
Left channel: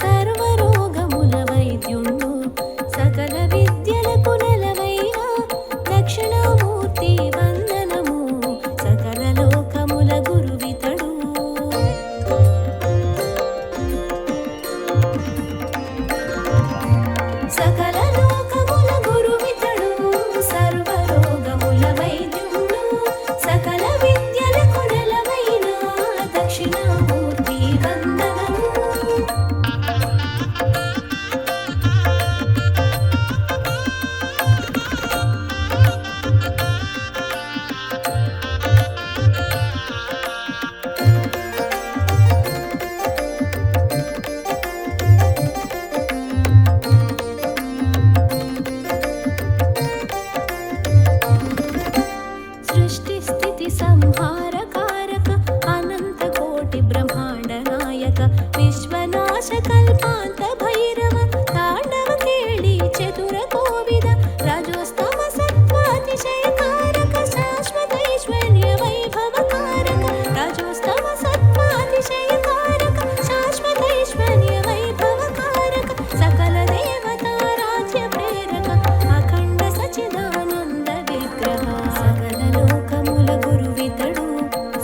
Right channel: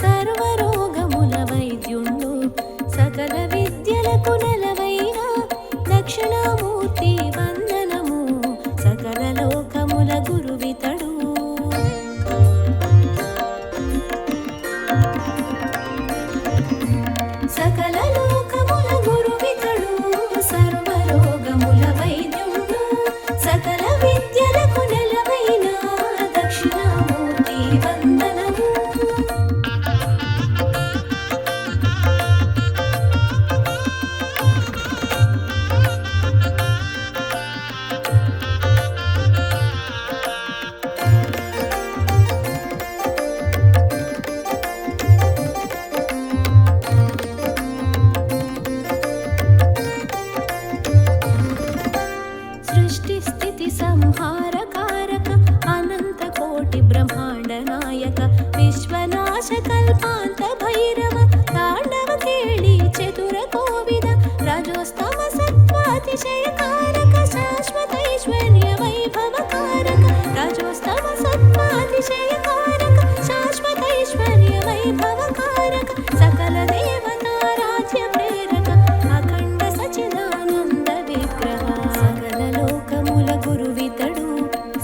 సర్వరోగముల వైద్యుండు సకల విద్యలకు నెలవైన దక్షిణామూర్తి వందనము సకల లోకముల గురువితడు సకల లోకముల గురువితడు సర్వరోగముల వైద్యుండు సకల విద్యలకు నెలవైన దక్షిణామూర్తి వందనము సృష్టి స్థితి సంహార కారక అనంత కోటి బ్రహ్మాండ నాయక విశ్వనాశ కల్పాంత భైరవ తాండవ కేళి చతుర కోవిద రజోస్తమ సత్వాతిశయ కారక శాశ్వత ఐశ్వర్య వైభవ కారక రజోస్తమ సత్వాతిశయ కారక శాశ్వత ఐశ్వర్య వైభవ కారక సకల దేవతారాధ్య ప్రేరక అఖండ సచిదానంద విగ్రహ సకల లోకముల గురువితడు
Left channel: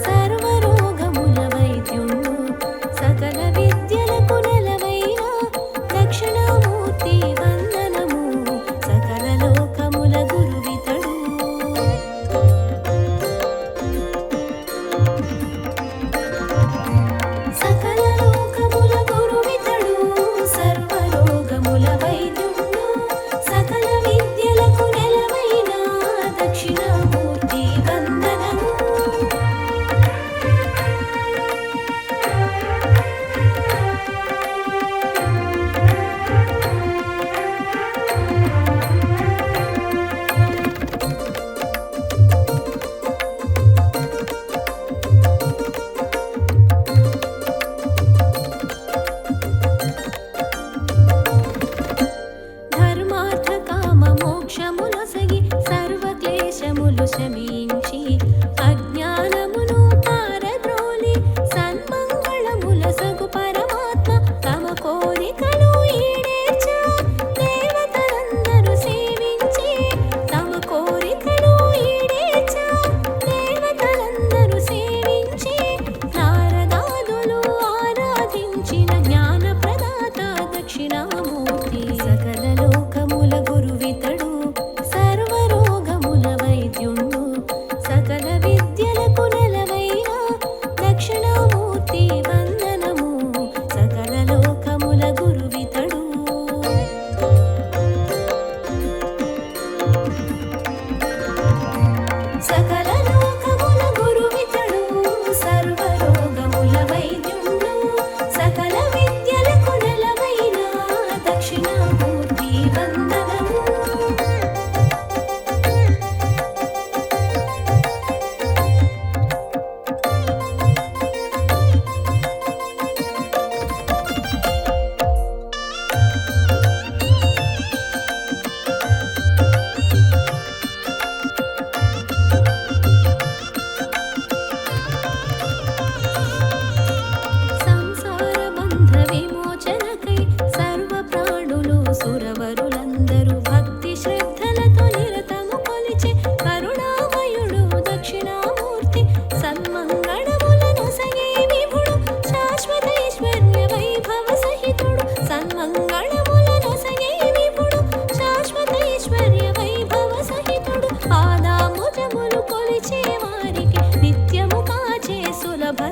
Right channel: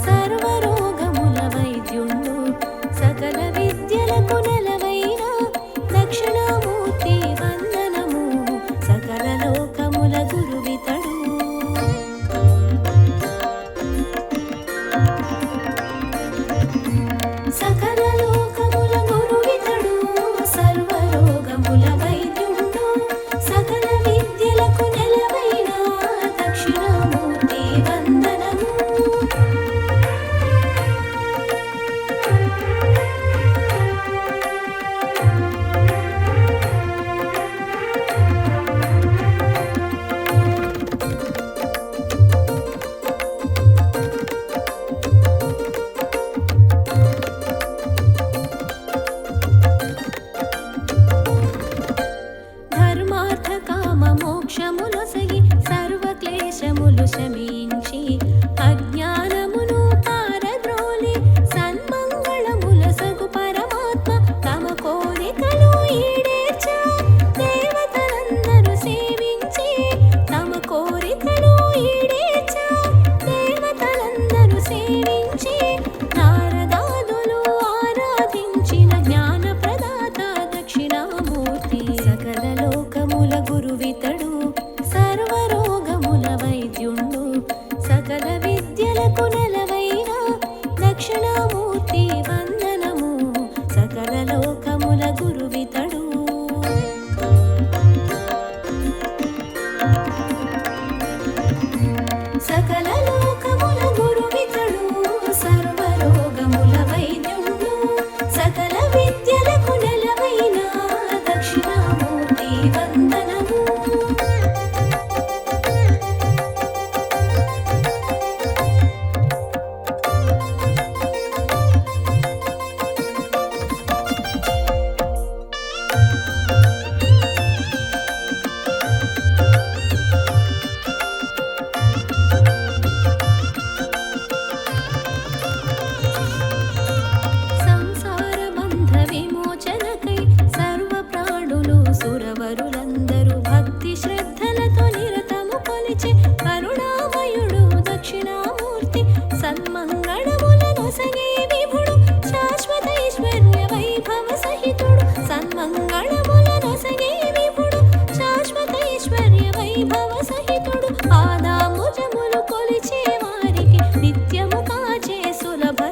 సర్వరోగముల వైద్యుండు సకల విద్యలకు నెలవైన దక్షిణామూర్తి వందనము సకల లోకముల గురువితడు సకల లోకముల గురువితడు సర్వరోగముల వైద్యుండు సకల విద్యలకు నెలవైన దక్షిణామూర్తి వందనము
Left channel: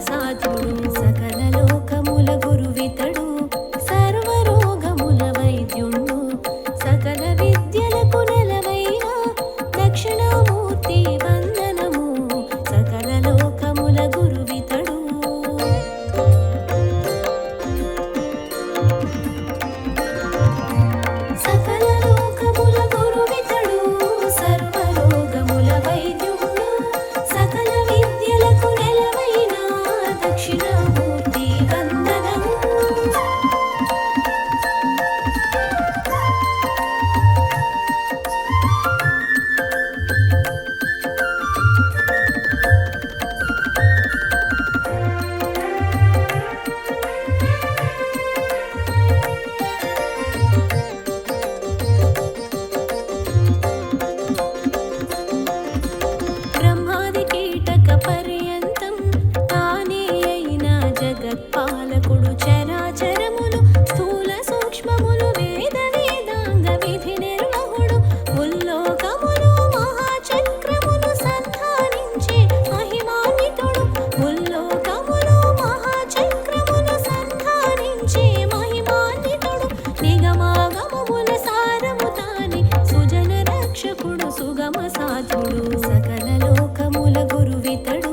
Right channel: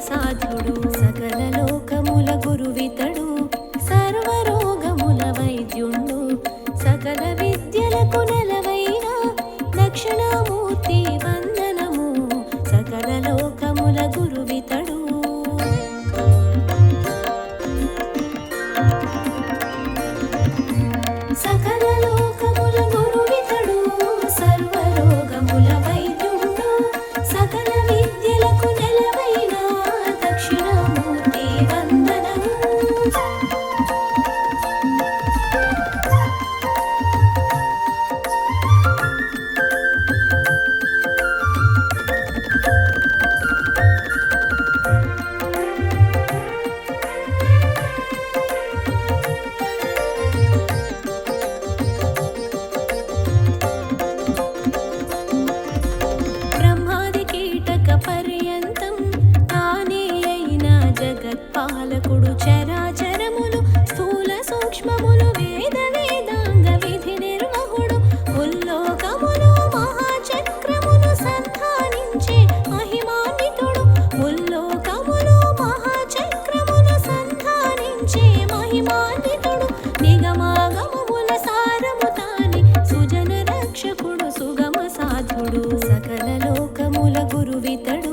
సాధుడు సకల లోకముల గురువితడు సర్వరోగముల వైద్యుండు సకల విద్యలకు నెలవైన దక్షిణామూర్తి వందనము సకల లోకముల గురువితడు సకల లోకముల గురువితడు సర్వరోగముల వైద్యుండు సకల విద్యలకు నెలవైన దక్షిణామూర్తి వందనము బ్రహ్మాది కీటక పర్యంతం తానే అయిన జగత్పాలకుడు చరాచరములు స్థూల సూక్ష్మములు వేద వేదాంగ విధి నిర్వహుడు ఉల్లోకములు మహాచక్రములు సంధానించే మహిమాన్వితుడు ఉల్లోకములు మహాచక్రములు సంధానించే మహిమాన్వితుడు నిగమాగమముల సారము తాని సుజన రక్షకుడు సుగమ సాధుడు సకల లోకముల గురువితడు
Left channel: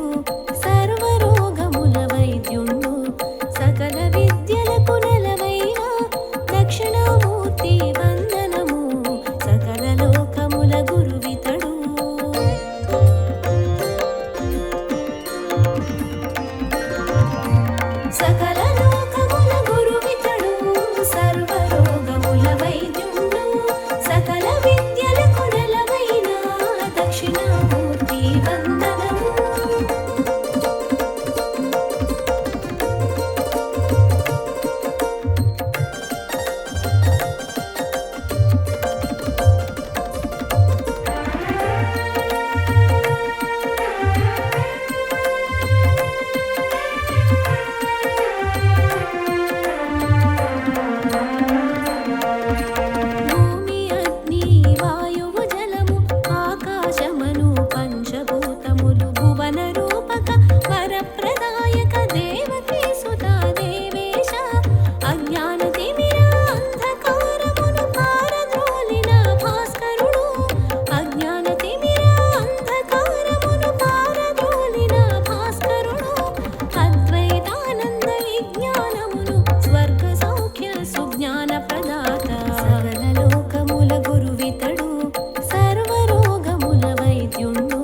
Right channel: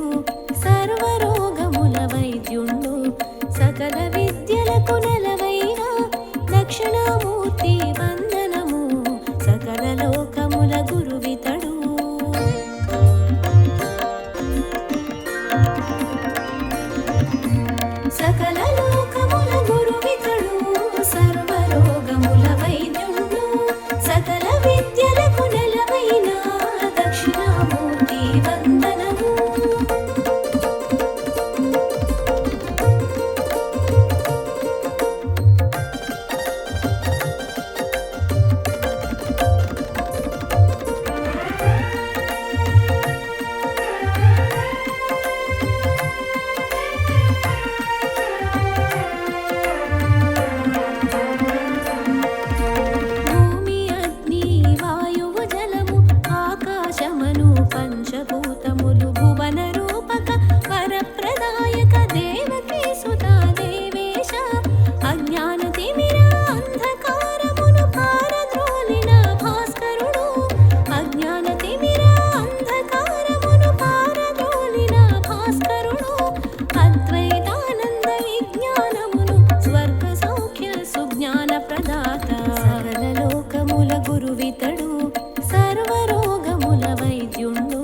సర్వరోగముల వైద్యుండు సకల విద్యలకు నెలవైన దక్షిణామూర్తి వందనము సకల లోకముల గురువితడు సకల లోకముల గురువితడు సర్వరోగముల వైద్యుండు సకల విద్యలకు నెలవైన దక్షిణామూర్తి వందనము భూమి అగ్ని వాయువు జలము ఆకాశమను పంచభూతములు భువన రూపక వరప్రదాయక దేవకీ సుత దేవేశ అజ్ఞాన తిమిర అంధకారమును పారద్రోలిన భాస్కరుడు అజ్ఞాన తిమిర అంధకారమును పారద్రోలిన భాస్కరుడు అద్వైతానంద విజ్ఞానమును స్వర్గ సౌఖ్య సుజ్ఞాన ప్రదాత సకల లోకముల గురువితడు సర్వరోగముల వైద్యుండు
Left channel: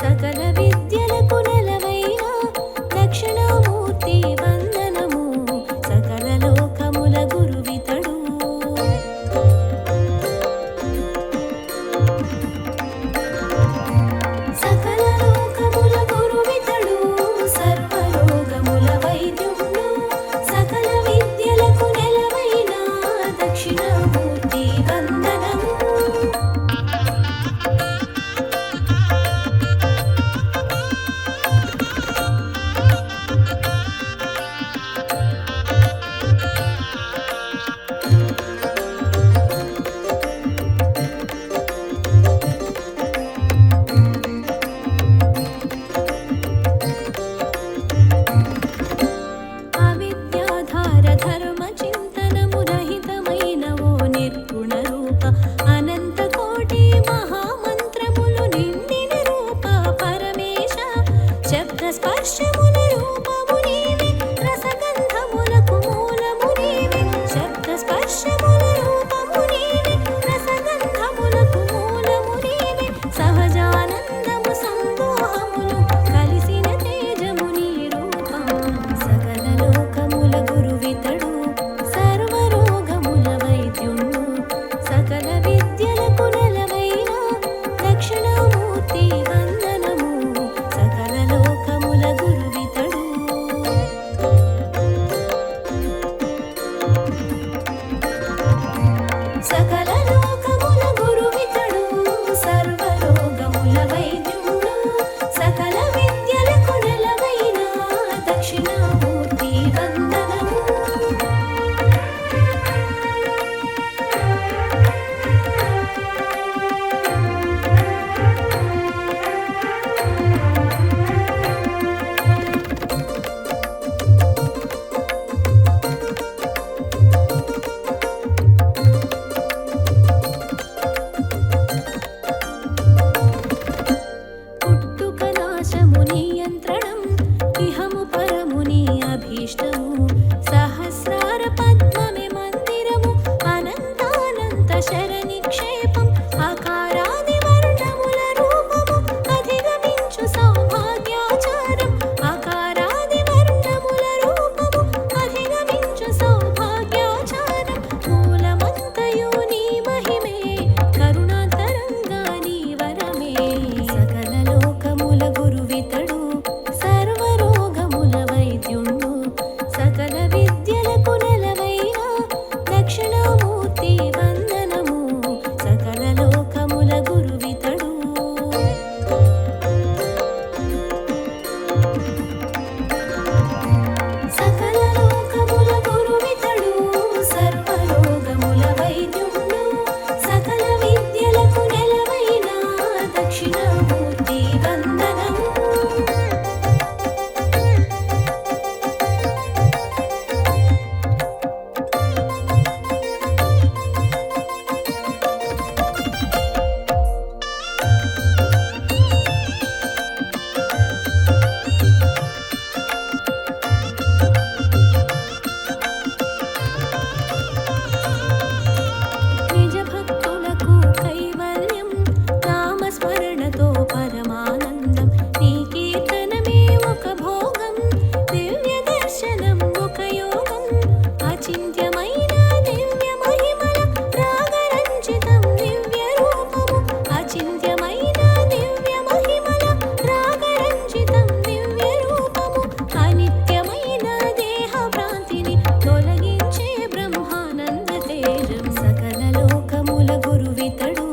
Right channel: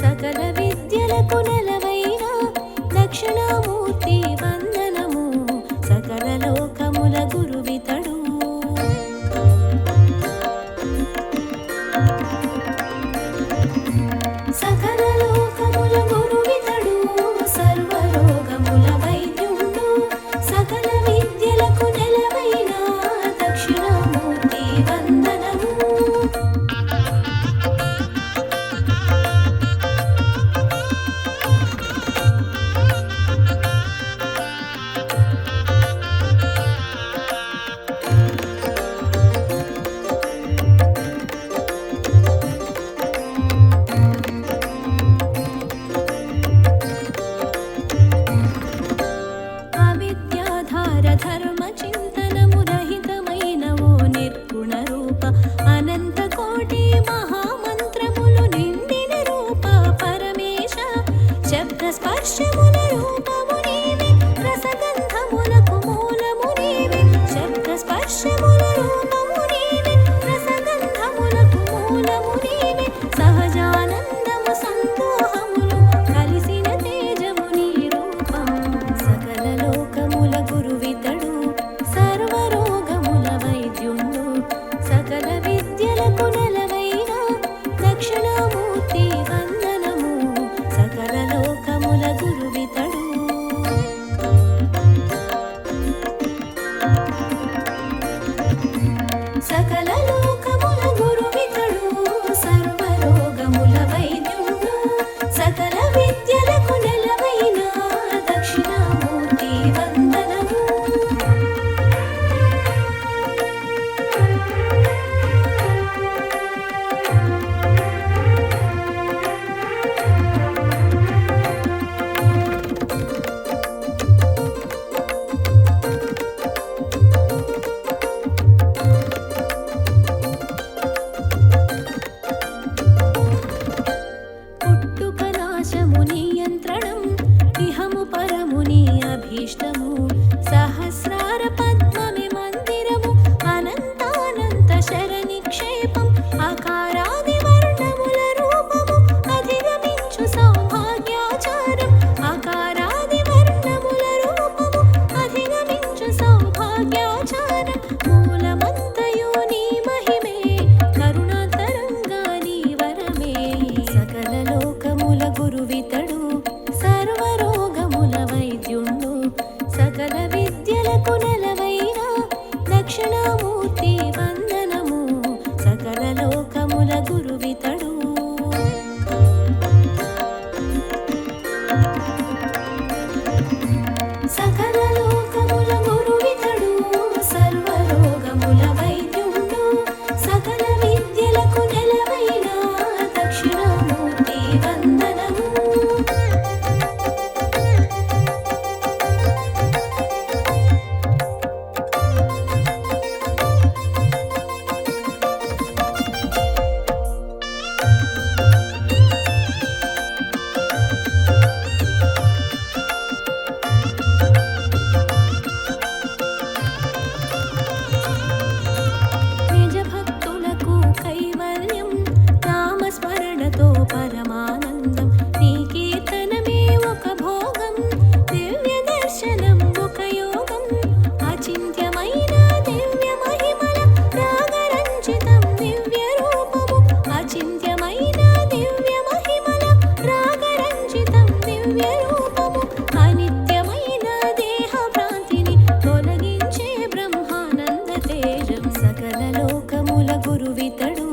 సకల విద్యలకు నెలవైన దక్షిణామూర్తి వందనము సకల లోకముల గురువితడు సకల లోకముల గురువితడు సర్వరోగముల వైద్యుండు సకల విద్యలకు నెలవైన దక్షిణామూర్తి వందనము అవిద్యాధార ధర్మ చింతనము రహితమైన ఓ నిర్గుణ రూప అనంత కోటి మహామంత్రములు నిండిన రూప పరమేశ శబ్ద స్పర్శముల రూపము నీవే రసగంధములకు మూలము నీవే శబ్ద స్పర్శముల రూపము నీవే రసగంధములకు మూలము నీవే సహజానందము సందోహములు కలిసిన తేజము నీ రూపం సకల లోకముల గురువితడు సర్వరోగముల వైద్యుండు సకల విద్యలకు నెలవైన దక్షిణామూర్తి వందనము సకల లోకముల గురువితడు ఇహము పరముని అభీష్టము సహస్రార పద్మమే మందిరము అనంతానంత శరణిక్షేపం అకారాది వర్ణముల రూపము అధిగమించు సౌభాగ్యాచారం అకారాది వర్ణముల రూపము అధిగమించు సౌభాగ్యాచారం మూలమంతయు నీ మహిమే కరుణాతరంగా నీ వరమే సకల లోకముల గురువితడు సర్వరోగముల వైద్యుండు సకల విద్యలకు నెలవైన దక్షిణామూర్తి వందనము సకల లోకముల గురువితడు సకల లోకముల గురువితడు సర్వరోగముల వైద్యుండు సకల విద్యలకు నెలవైన దక్షిణామూర్తి వందనము నిజ భక్తులకు కైవల్యం నామస్మరణతో పరమానందం నీ కీర్తనమే ఒక భోగం దివ్య దర్శనం ఒక యోగం అచింత్యమైన దివ్య మహిమల రాగరంజితం దివ్య రూపము అచింత్యమైన దివ్య మహిమల రాగరంజితం దివ్య రూపము అనిత్యమైన దేహ భ్రాంతిని తొలగించే బ్రహ్మానంద తేజం సకల లోకముల గురువితడు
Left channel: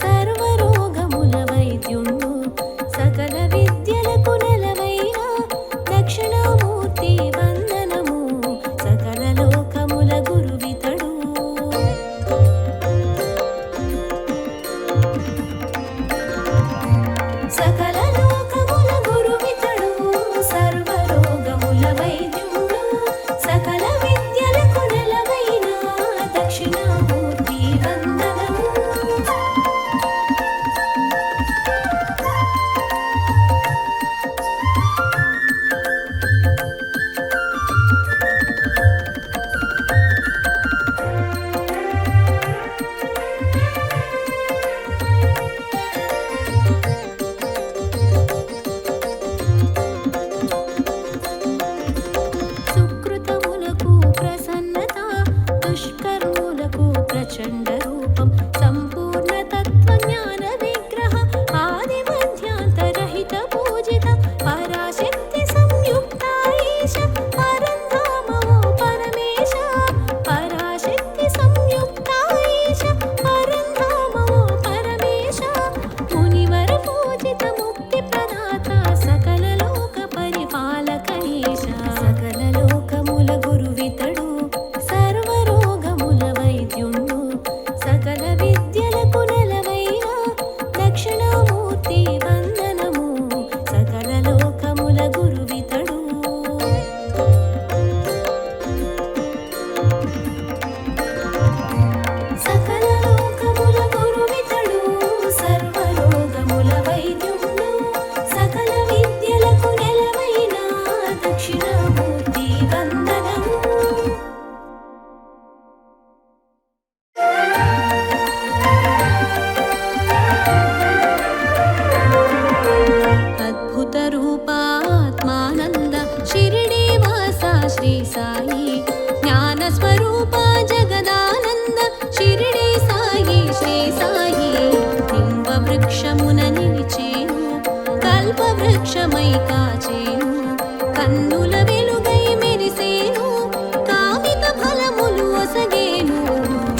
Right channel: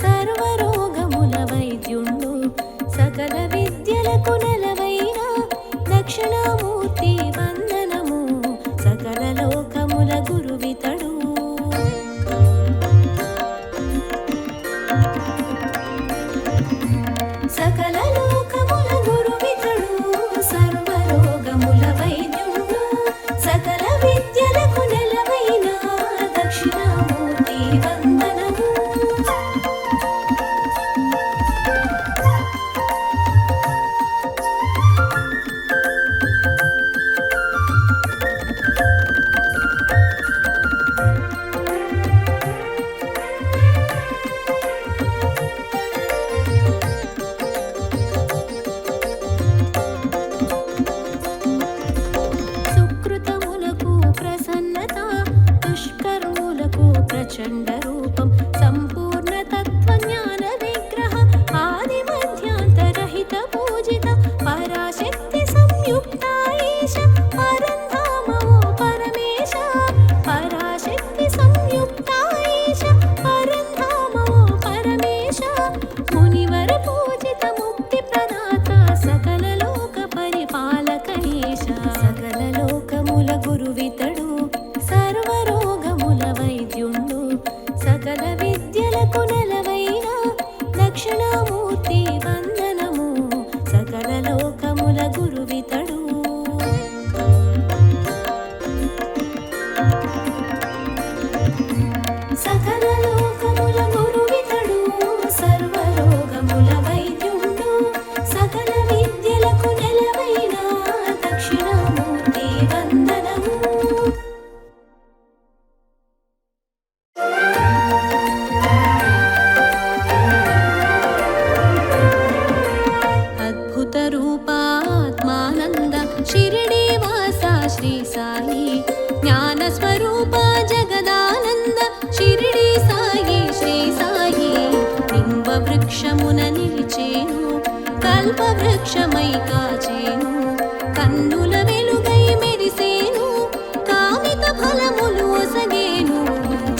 సర్వరోగముల వైద్యుండు సకల విద్యలకు నెలవైన దక్షిణామూర్తి వందనము సకల లోకముల గురువితడు సకల లోకముల గురువితడు సర్వరోగముల వైద్యుండు సకల విద్యలకు నెలవైన దక్షిణామూర్తి వందనము సుకృతములకు ప్రసన్నత దుష్కర్ములకు ప్రచండ రూపం సంపూర్ణ తత్వజ్ఞాన విగ్రహ ఆది మధ్యాంతరహిత పూజిత పరాశక్తి సంయుక్త ఈశ పరంధామో పరమేశ పరాశక్తి సంయుక్త ఈశ పరంధామో పరమేశ మునివర పూజిత ముక్తి ప్రదాత సకల లోక పరిపాలక ఈశ సకల లోకముల గురువితడు సర్వరోగముల వైద్యుండు సకల విద్యలకు నెలవైన దక్షిణామూర్తి వందనము సకల లోకముల గురువితడు సకల లోకముల గురువితడు సర్వరోగముల వైద్యుండు సకల విద్యలకు నెలవైన దక్షిణామూర్తి వందనము అద్భుత రూపాత్మానంద షిరిడి వాస శ్రీ సాయి జ్ఞాన స్వరూప జగదానంద షిరిడి సాయి శ్రీ సాయి నింబ వృక్షమున నిలిచేను కల్ప వృక్షమై కాచేను కన్నుల వెలుగై మెరిసేను కామిత ఫలములు ఒసగేను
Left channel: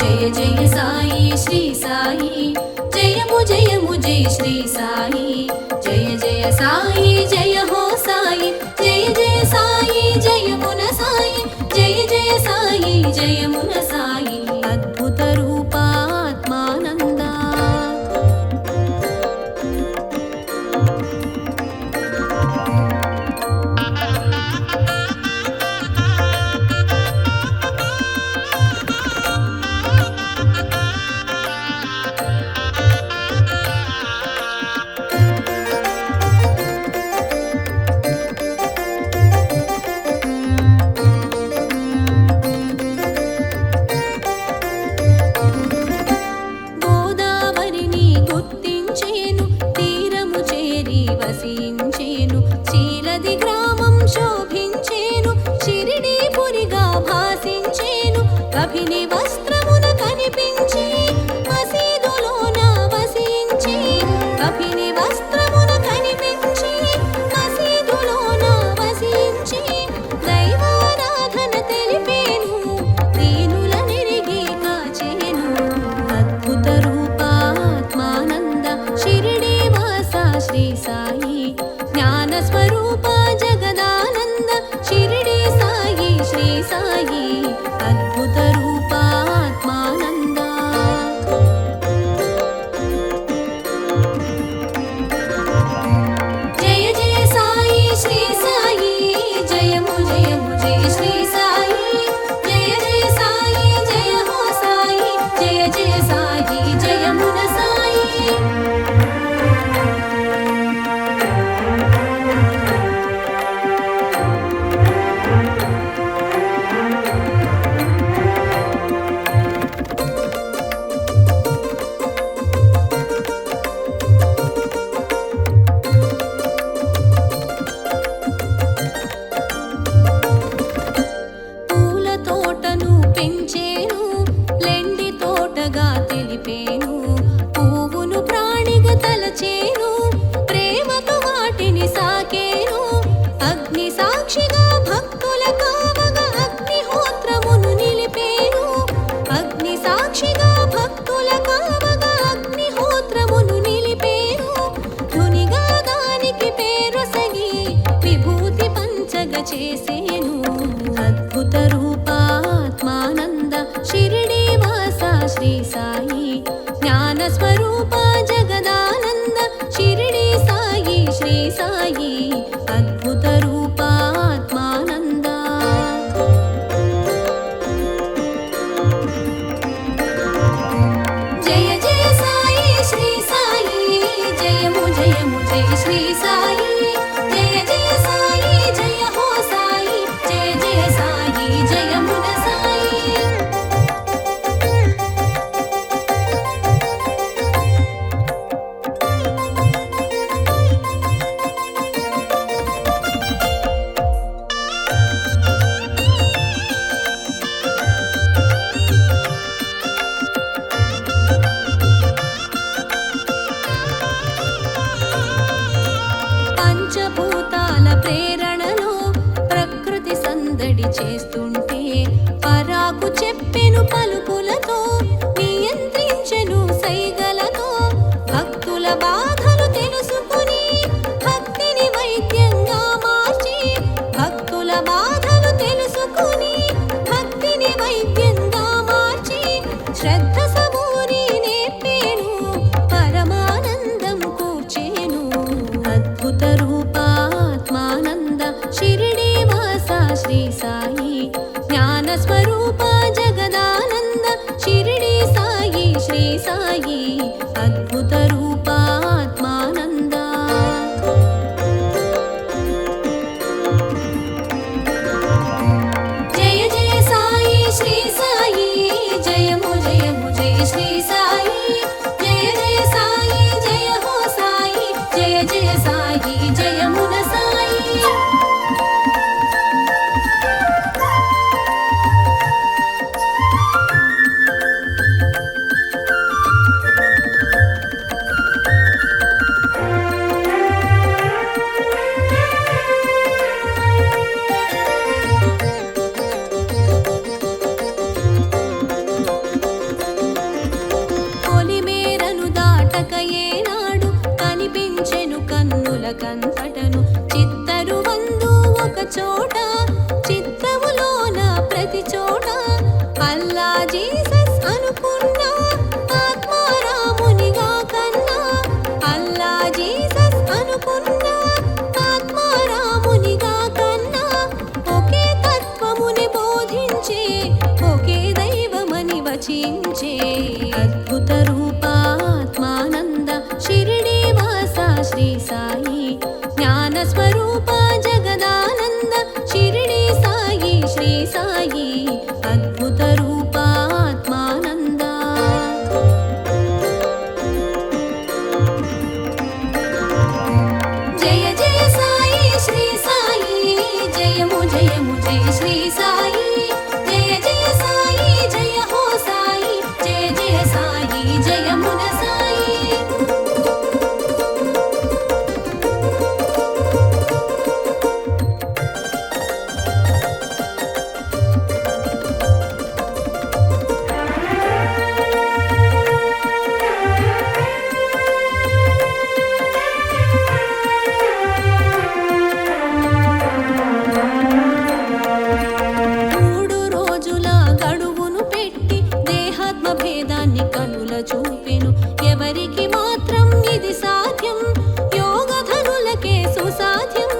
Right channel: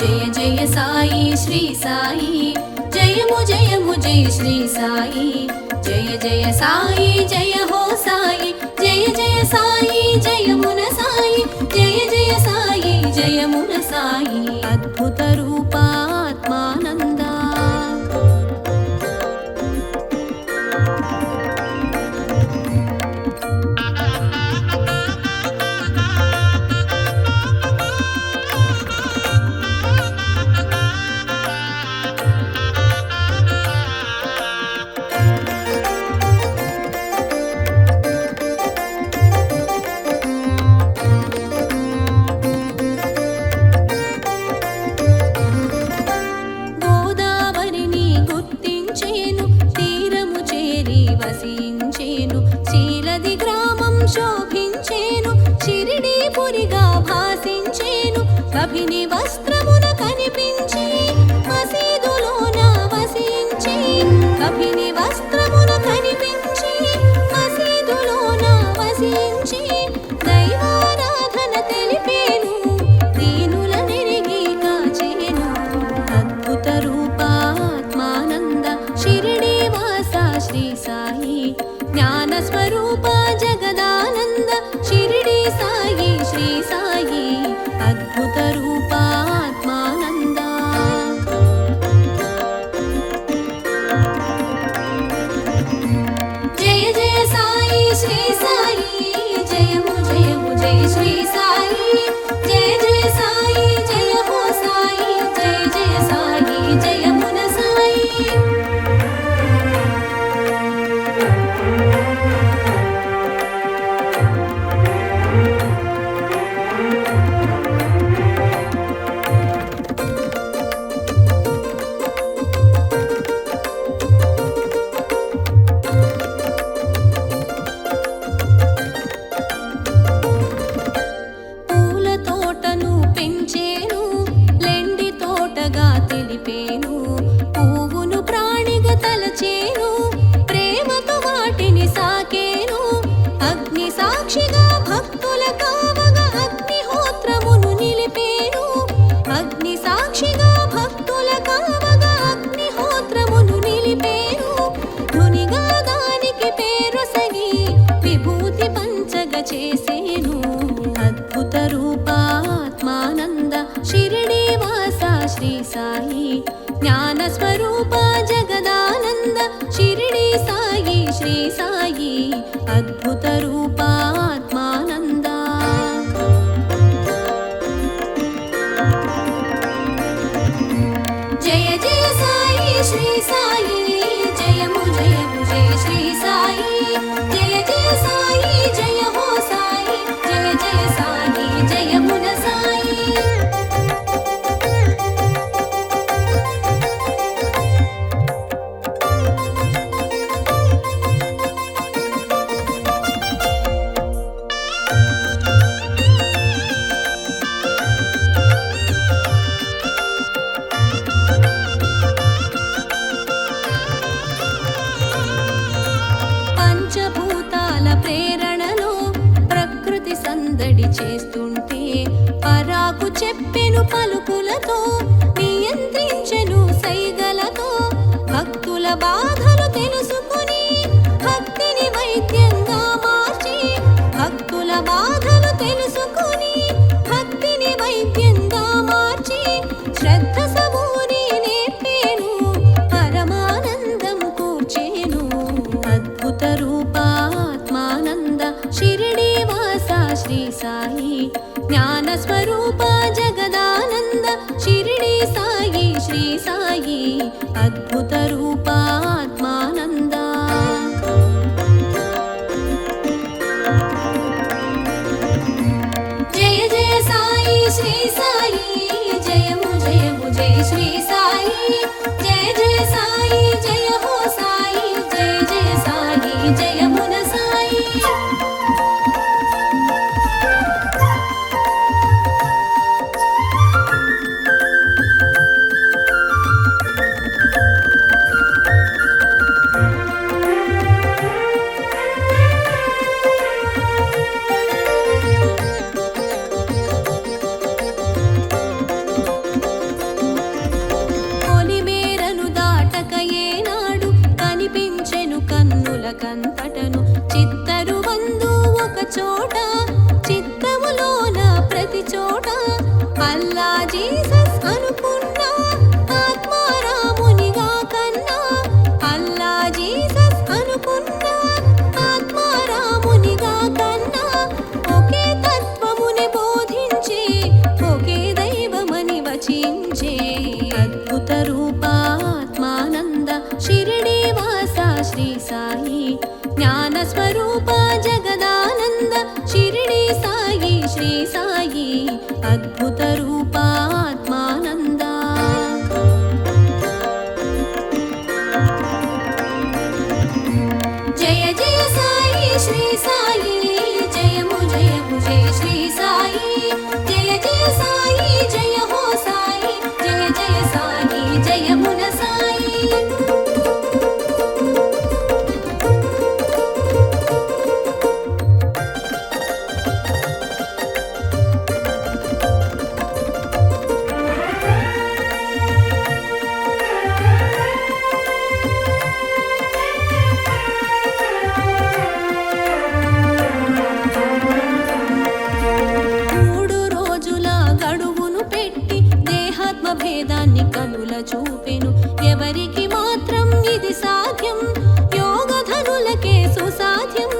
జయ జయ సాయి శ్రీ సాయి జయము జయము జయ శ్రీ సాయి జయ జయ సాయి జయ హో సాయి జయ జయ సాయి జయమున సాయి జయ జయ సాయి జయమున సాయి అద్భుత రూపాత్మానంద శోభించేను షిరిడీపురిగా భాసించేను కభిని వస్త్రమున కనిపించి మసీదులోన వసించి కభిని వస్త్రమున కనిపించి మసీదులోన వసించి దైవారాధన తెలిపేను దీనుల నిరిగి కాచేను అద్భుత రూపాత్మానంద షిరిడీ వాస శ్రీ సాయి జ్ఞాన స్వరూప జగదానంద షిరిడీ సాయి శ్రీ సాయి అద్భుత రూపాత్మానంద జయ జయ సాయి శ్రీ సాయి జయము జయము జయ శ్రీ సాయి జయ జయ సాయి జయ హో సాయి జయ జయ సాయి జయమున సాయి పూల తోటను పెంచేను లెండి తోటగా తెలిపేను పువ్వును ప్రాణిగా తలచేను ప్రేమతో వాటిని సాకేను అగ్ని సాక్షిగా భక్తుల కావగా అగ్నిహోత్రమును నిలిపేను అగ్ని సాక్షిగా భక్తుల కావగా అగ్నిహోత్రమును నిలిపేను ధునిగా దానికి పేరు సగి విభూతి పంచగ చేసేను అద్భుత రూపాత్మానంద షిరిడీ వాస శ్రీ సాయి జ్ఞాన స్వరూప జగదానంద షిరిడీ సాయి శ్రీ సాయి అద్భుత రూపాత్మానంద జయ జయ సాయి శ్రీ సాయి జయము జయము జయ శ్రీ సాయి జయ జయ సాయి జయ హో సాయి జయ జయ సాయి జయమున సాయి పంచభూతాల ప్రేరణలో ప్రకృతి సందడి చేస్తుంటే పరాకు చెప్పెను పలుకులతో నియంత్రించెను సైగలతో భక్తుల బాధలు తెలుసుకుని భక్తిని వైద్యంగా మార్చి భక్తుల బాధలు తెలుసుకుని భక్తిని వైద్యంగా మార్చి శ్రద్ధ సమూరి నేర్పేను పరమానందం కూర్చేను అద్భుత రూపాత్మానంద షిరిడీ వాస శ్రీ సాయి జ్ఞాన స్వరూప జగదానంద షిరిడీ సాయి శ్రీ సాయి అద్భుత రూపాత్మానంద జయ జయ సాయి శ్రీ సాయి జయము జయము జయ శ్రీ సాయి జయ జయ సాయి జయ హో సాయి జయ జయ సాయి జయమున సాయి పొలిమేరను దాటక ఏనాడు కనిపించెను కన్నుల కంతటను చిత్తరు వందు ఒక చోట చిత్తములోన ప్రతి చోట అల్లా జీసస్ అనుకున్నా ఆత్మారామునిగా కన్నా అల్లా జీసస్ అనుకున్నా ఆత్మారామునిగా కన్నా ఒకే తత్వముని బోధించే ఒకే దైవమని వచించే అద్భుత రూపాత్మానంద షిరిడీ వాస శ్రీ సాయి జ్ఞాన స్వరూప జగదానంద షిరిడీ సాయి శ్రీ సాయి అద్భుత రూపాత్మానంద జయ జయ సాయి శ్రీ సాయి అని కనుల చూపెను. ఎవరికి మాత్రం ఇది సాధ్యం? యోగధనులకే సుసాధ్యం.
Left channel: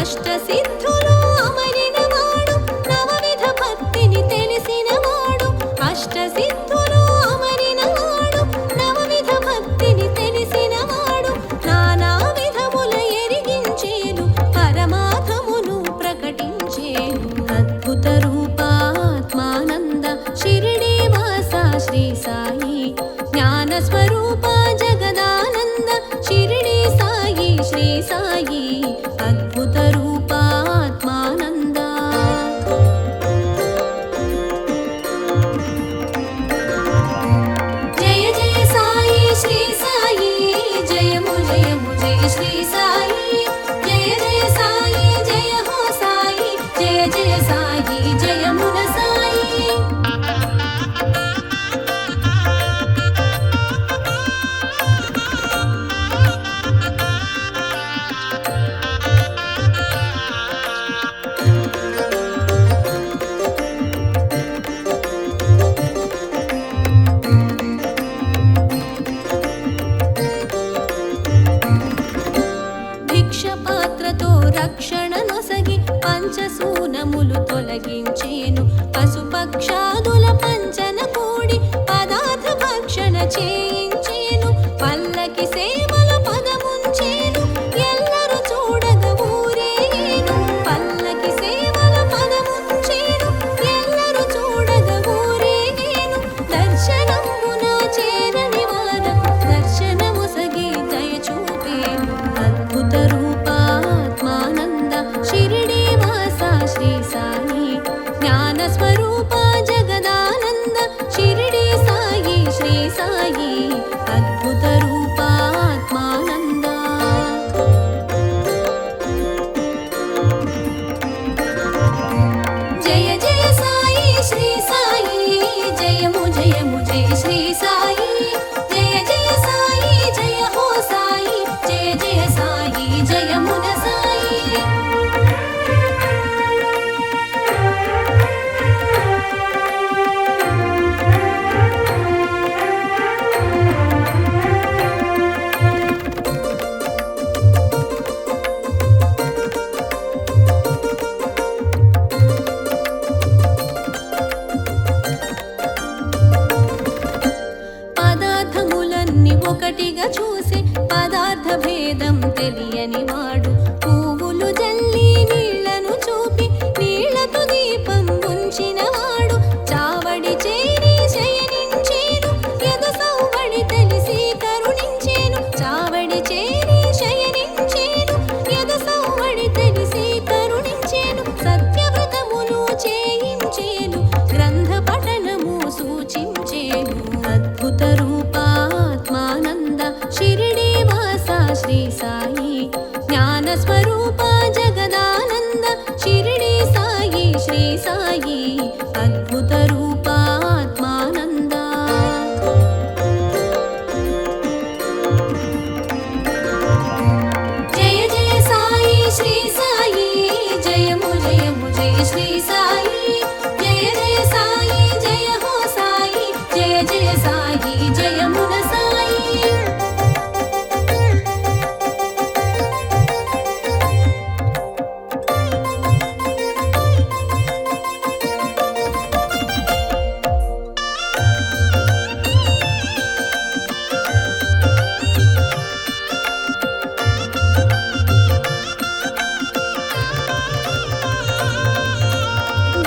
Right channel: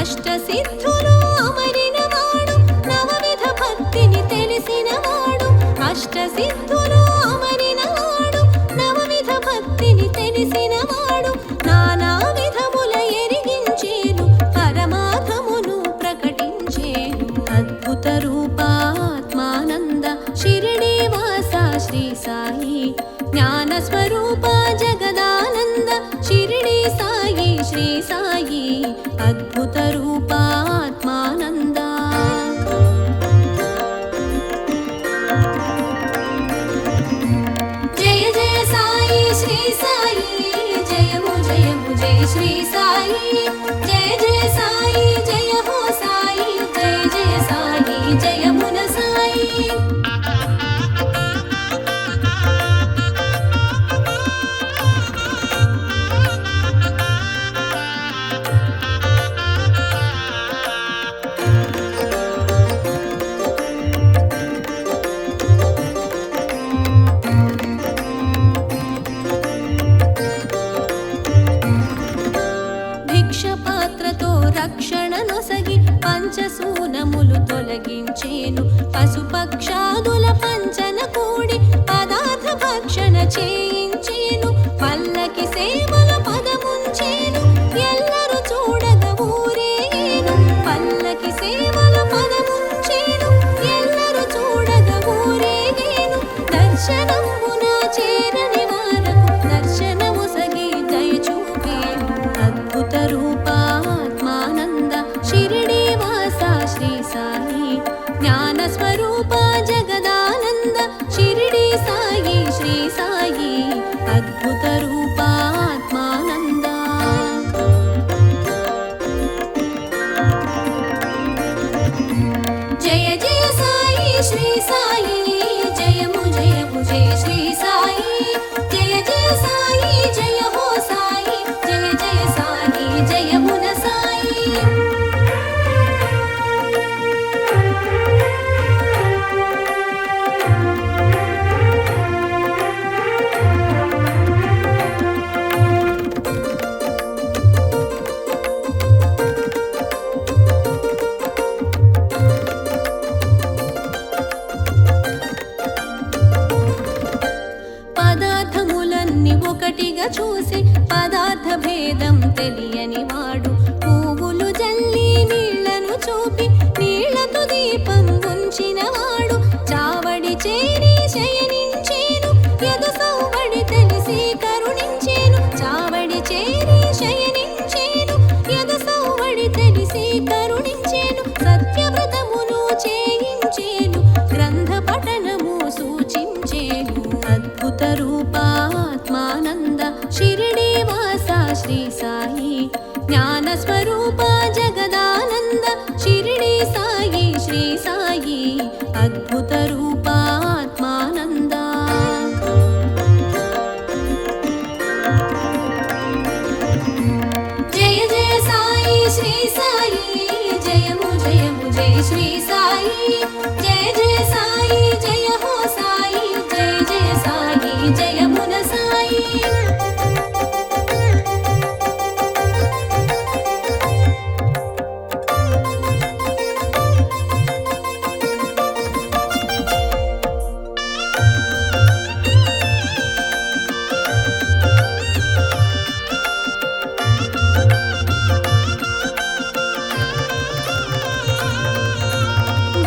అష్టసిద్ధులు అమరినవాడు, నవవిధ భక్తిని తెలిసినవాడు. అష్టసిద్ధులు అమరినవాడు, నవవిధ భక్తిని తెలిసినవాడు. నానా విధముల ఎరిగించేను, పరమార్థమును ప్రకటించేను. అద్భుత రూపాత్మానంద షిరిడి వాస శ్రీ సాయి, జ్ఞాన స్వరూప జగదానంద షిరిడి సాయి శ్రీ సాయి, అద్భుత రూపాత్మానంద. జయ జయ సాయి శ్రీ సాయి, జయము జయము జయ శ్రీ సాయి. జయ జయ సాయి జయ హో సాయి, జయ జయ సాయి జయమున సాయి. భిక్షపాత్రతో రక్షణ నొసగి పంచసూనములు తొలగించేను. పశుపక్షాదుల పంచన కూడి పదార్థ భక్షణ చేయించేను. పల్లకి సేవల పదముంచేను, ఎల్లరు చూడగ ఊరేగేను. పల్లకి సేవల పదముంచేను, ఎల్లరు చూడగ ఊరేగేను. దర్శనంబున చేరని వారకు దర్శనముసగి దయ చూపేను. అద్భుత రూపాత్మానంద షిరిడి వాస శ్రీ సాయి, జ్ఞాన స్వరూప జగదానంద షిరిడి సాయి శ్రీ సాయి, అద్భుత రూపాత్మానంద. జయ జయ సాయి శ్రీ సాయి, జయము జయము జయ శ్రీ సాయి. జయ జయ సాయి జయ హో సాయి, జయ జయ సాయి జయమున సాయి. పదార్థములన్నీ ఒకటిగా చూసి పదార్థ భేదం తెలియని వాడు. పువ్వులు జల్లి నీళ్లను చూపి నీళ్లతో దీపం ఉంచినవాడు. చావడి చేరి శయనించేను, ఎదు సౌవడి తెలిసి కరుణించేను. చావడి చేరి శయనించేను, ఎదు సౌవడి తెలిసి కరుణించేను. సత్యవ్రతమును చేయించేను, గ్రంథ పఠనము సూచించేను. అద్భుత రూపాత్మానంద షిరిడి వాస శ్రీ సాయి, జ్ఞాన స్వరూప జగదానంద షిరిడి సాయి శ్రీ సాయి, అద్భుత రూపాత్మానంద. జయ జయ సాయి శ్రీ సాయి, జయము జయము జయ శ్రీ సాయి. జయ జయ సాయి జయ హో సాయి, జయ జయ సాయి జయమున సాయి.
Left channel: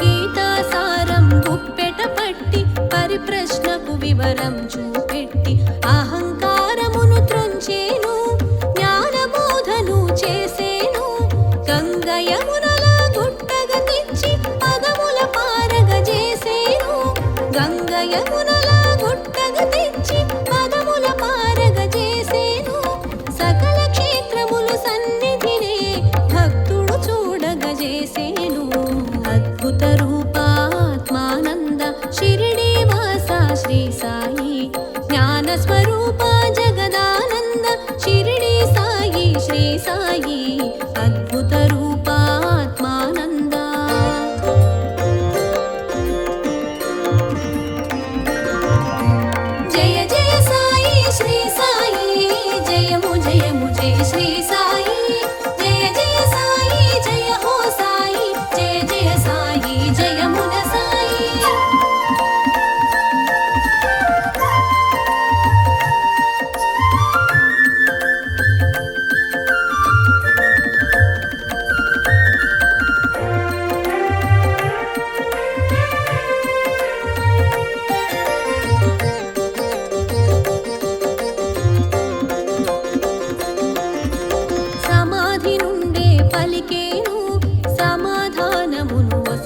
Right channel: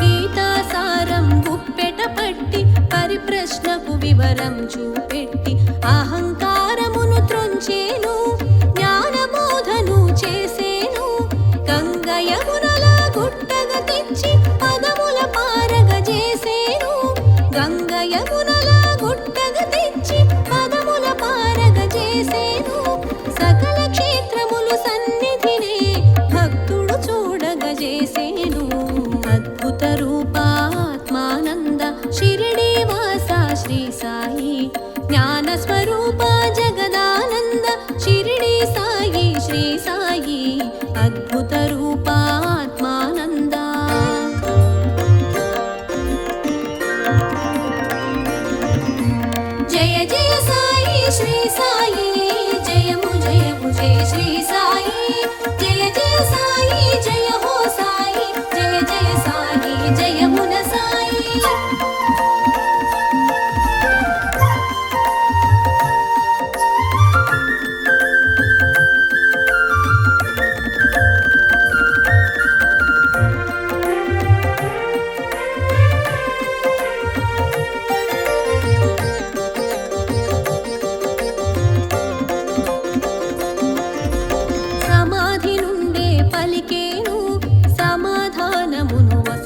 గీతాసారం గుప్పెట పట్టి పరిప్రశ్నకు వివరం చూపెట్టి అహంకారమును త్రొంచేను, జ్ఞానబోధను చేసేను. గంగయమునల గుట్టగ తెచ్చి పదముల పారగ చేసేను. గంగయమునల గుట్టగ తెచ్చి పదముల పారగ చేసేను. సకల క్షేత్రములు సన్నిధినే భక్తుడు చూడగ చేసేను. అద్భుత రూపాత్మానంద షిరిడి వాస శ్రీ సాయి, జ్ఞాన స్వరూప జగదానంద షిరిడి సాయి శ్రీ సాయి, అద్భుత రూపాత్మానంద.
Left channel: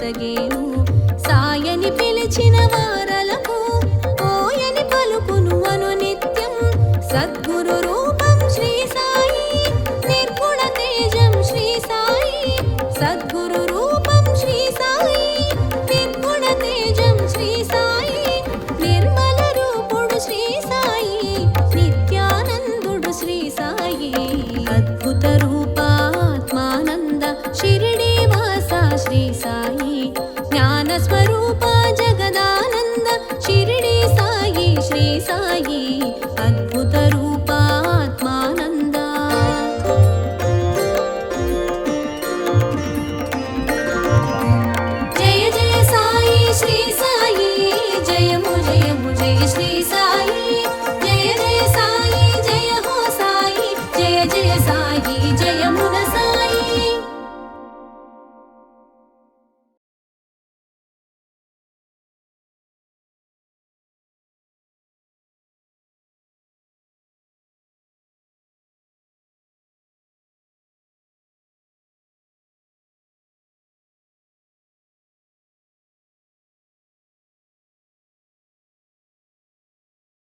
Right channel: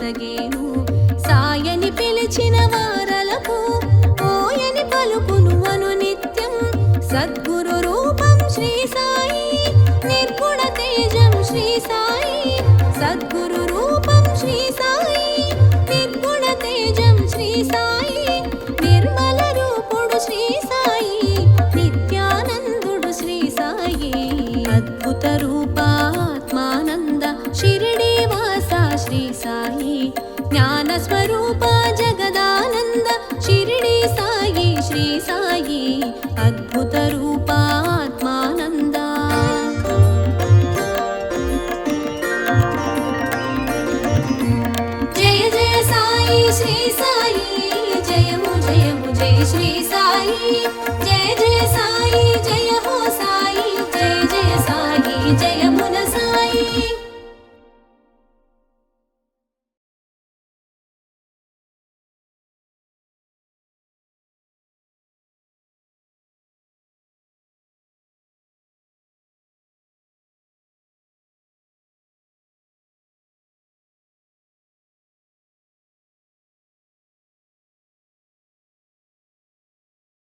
నొసగేను. సాయని పిలిచిన వారలకు ఓయని పలుకును అనునిత్యం. సద్గురు రూపం శ్రీ సాయి, నిర్గుణ తేజం శ్రీ సాయి. సద్గురు రూపం శ్రీ సాయి, నిర్గుణ తేజం శ్రీ సాయి. నిర్మల రూపుడు శ్రీ సాయి, నిత్యానందుడు శ్రీ సాయి. అద్భుత రూపాత్మానంద షిరిడి వాస శ్రీ సాయి. జ్ఞాన స్వరూప జగదానంద షిరిడి సాయి శ్రీ సాయి. అద్భుత రూపాత్మానంద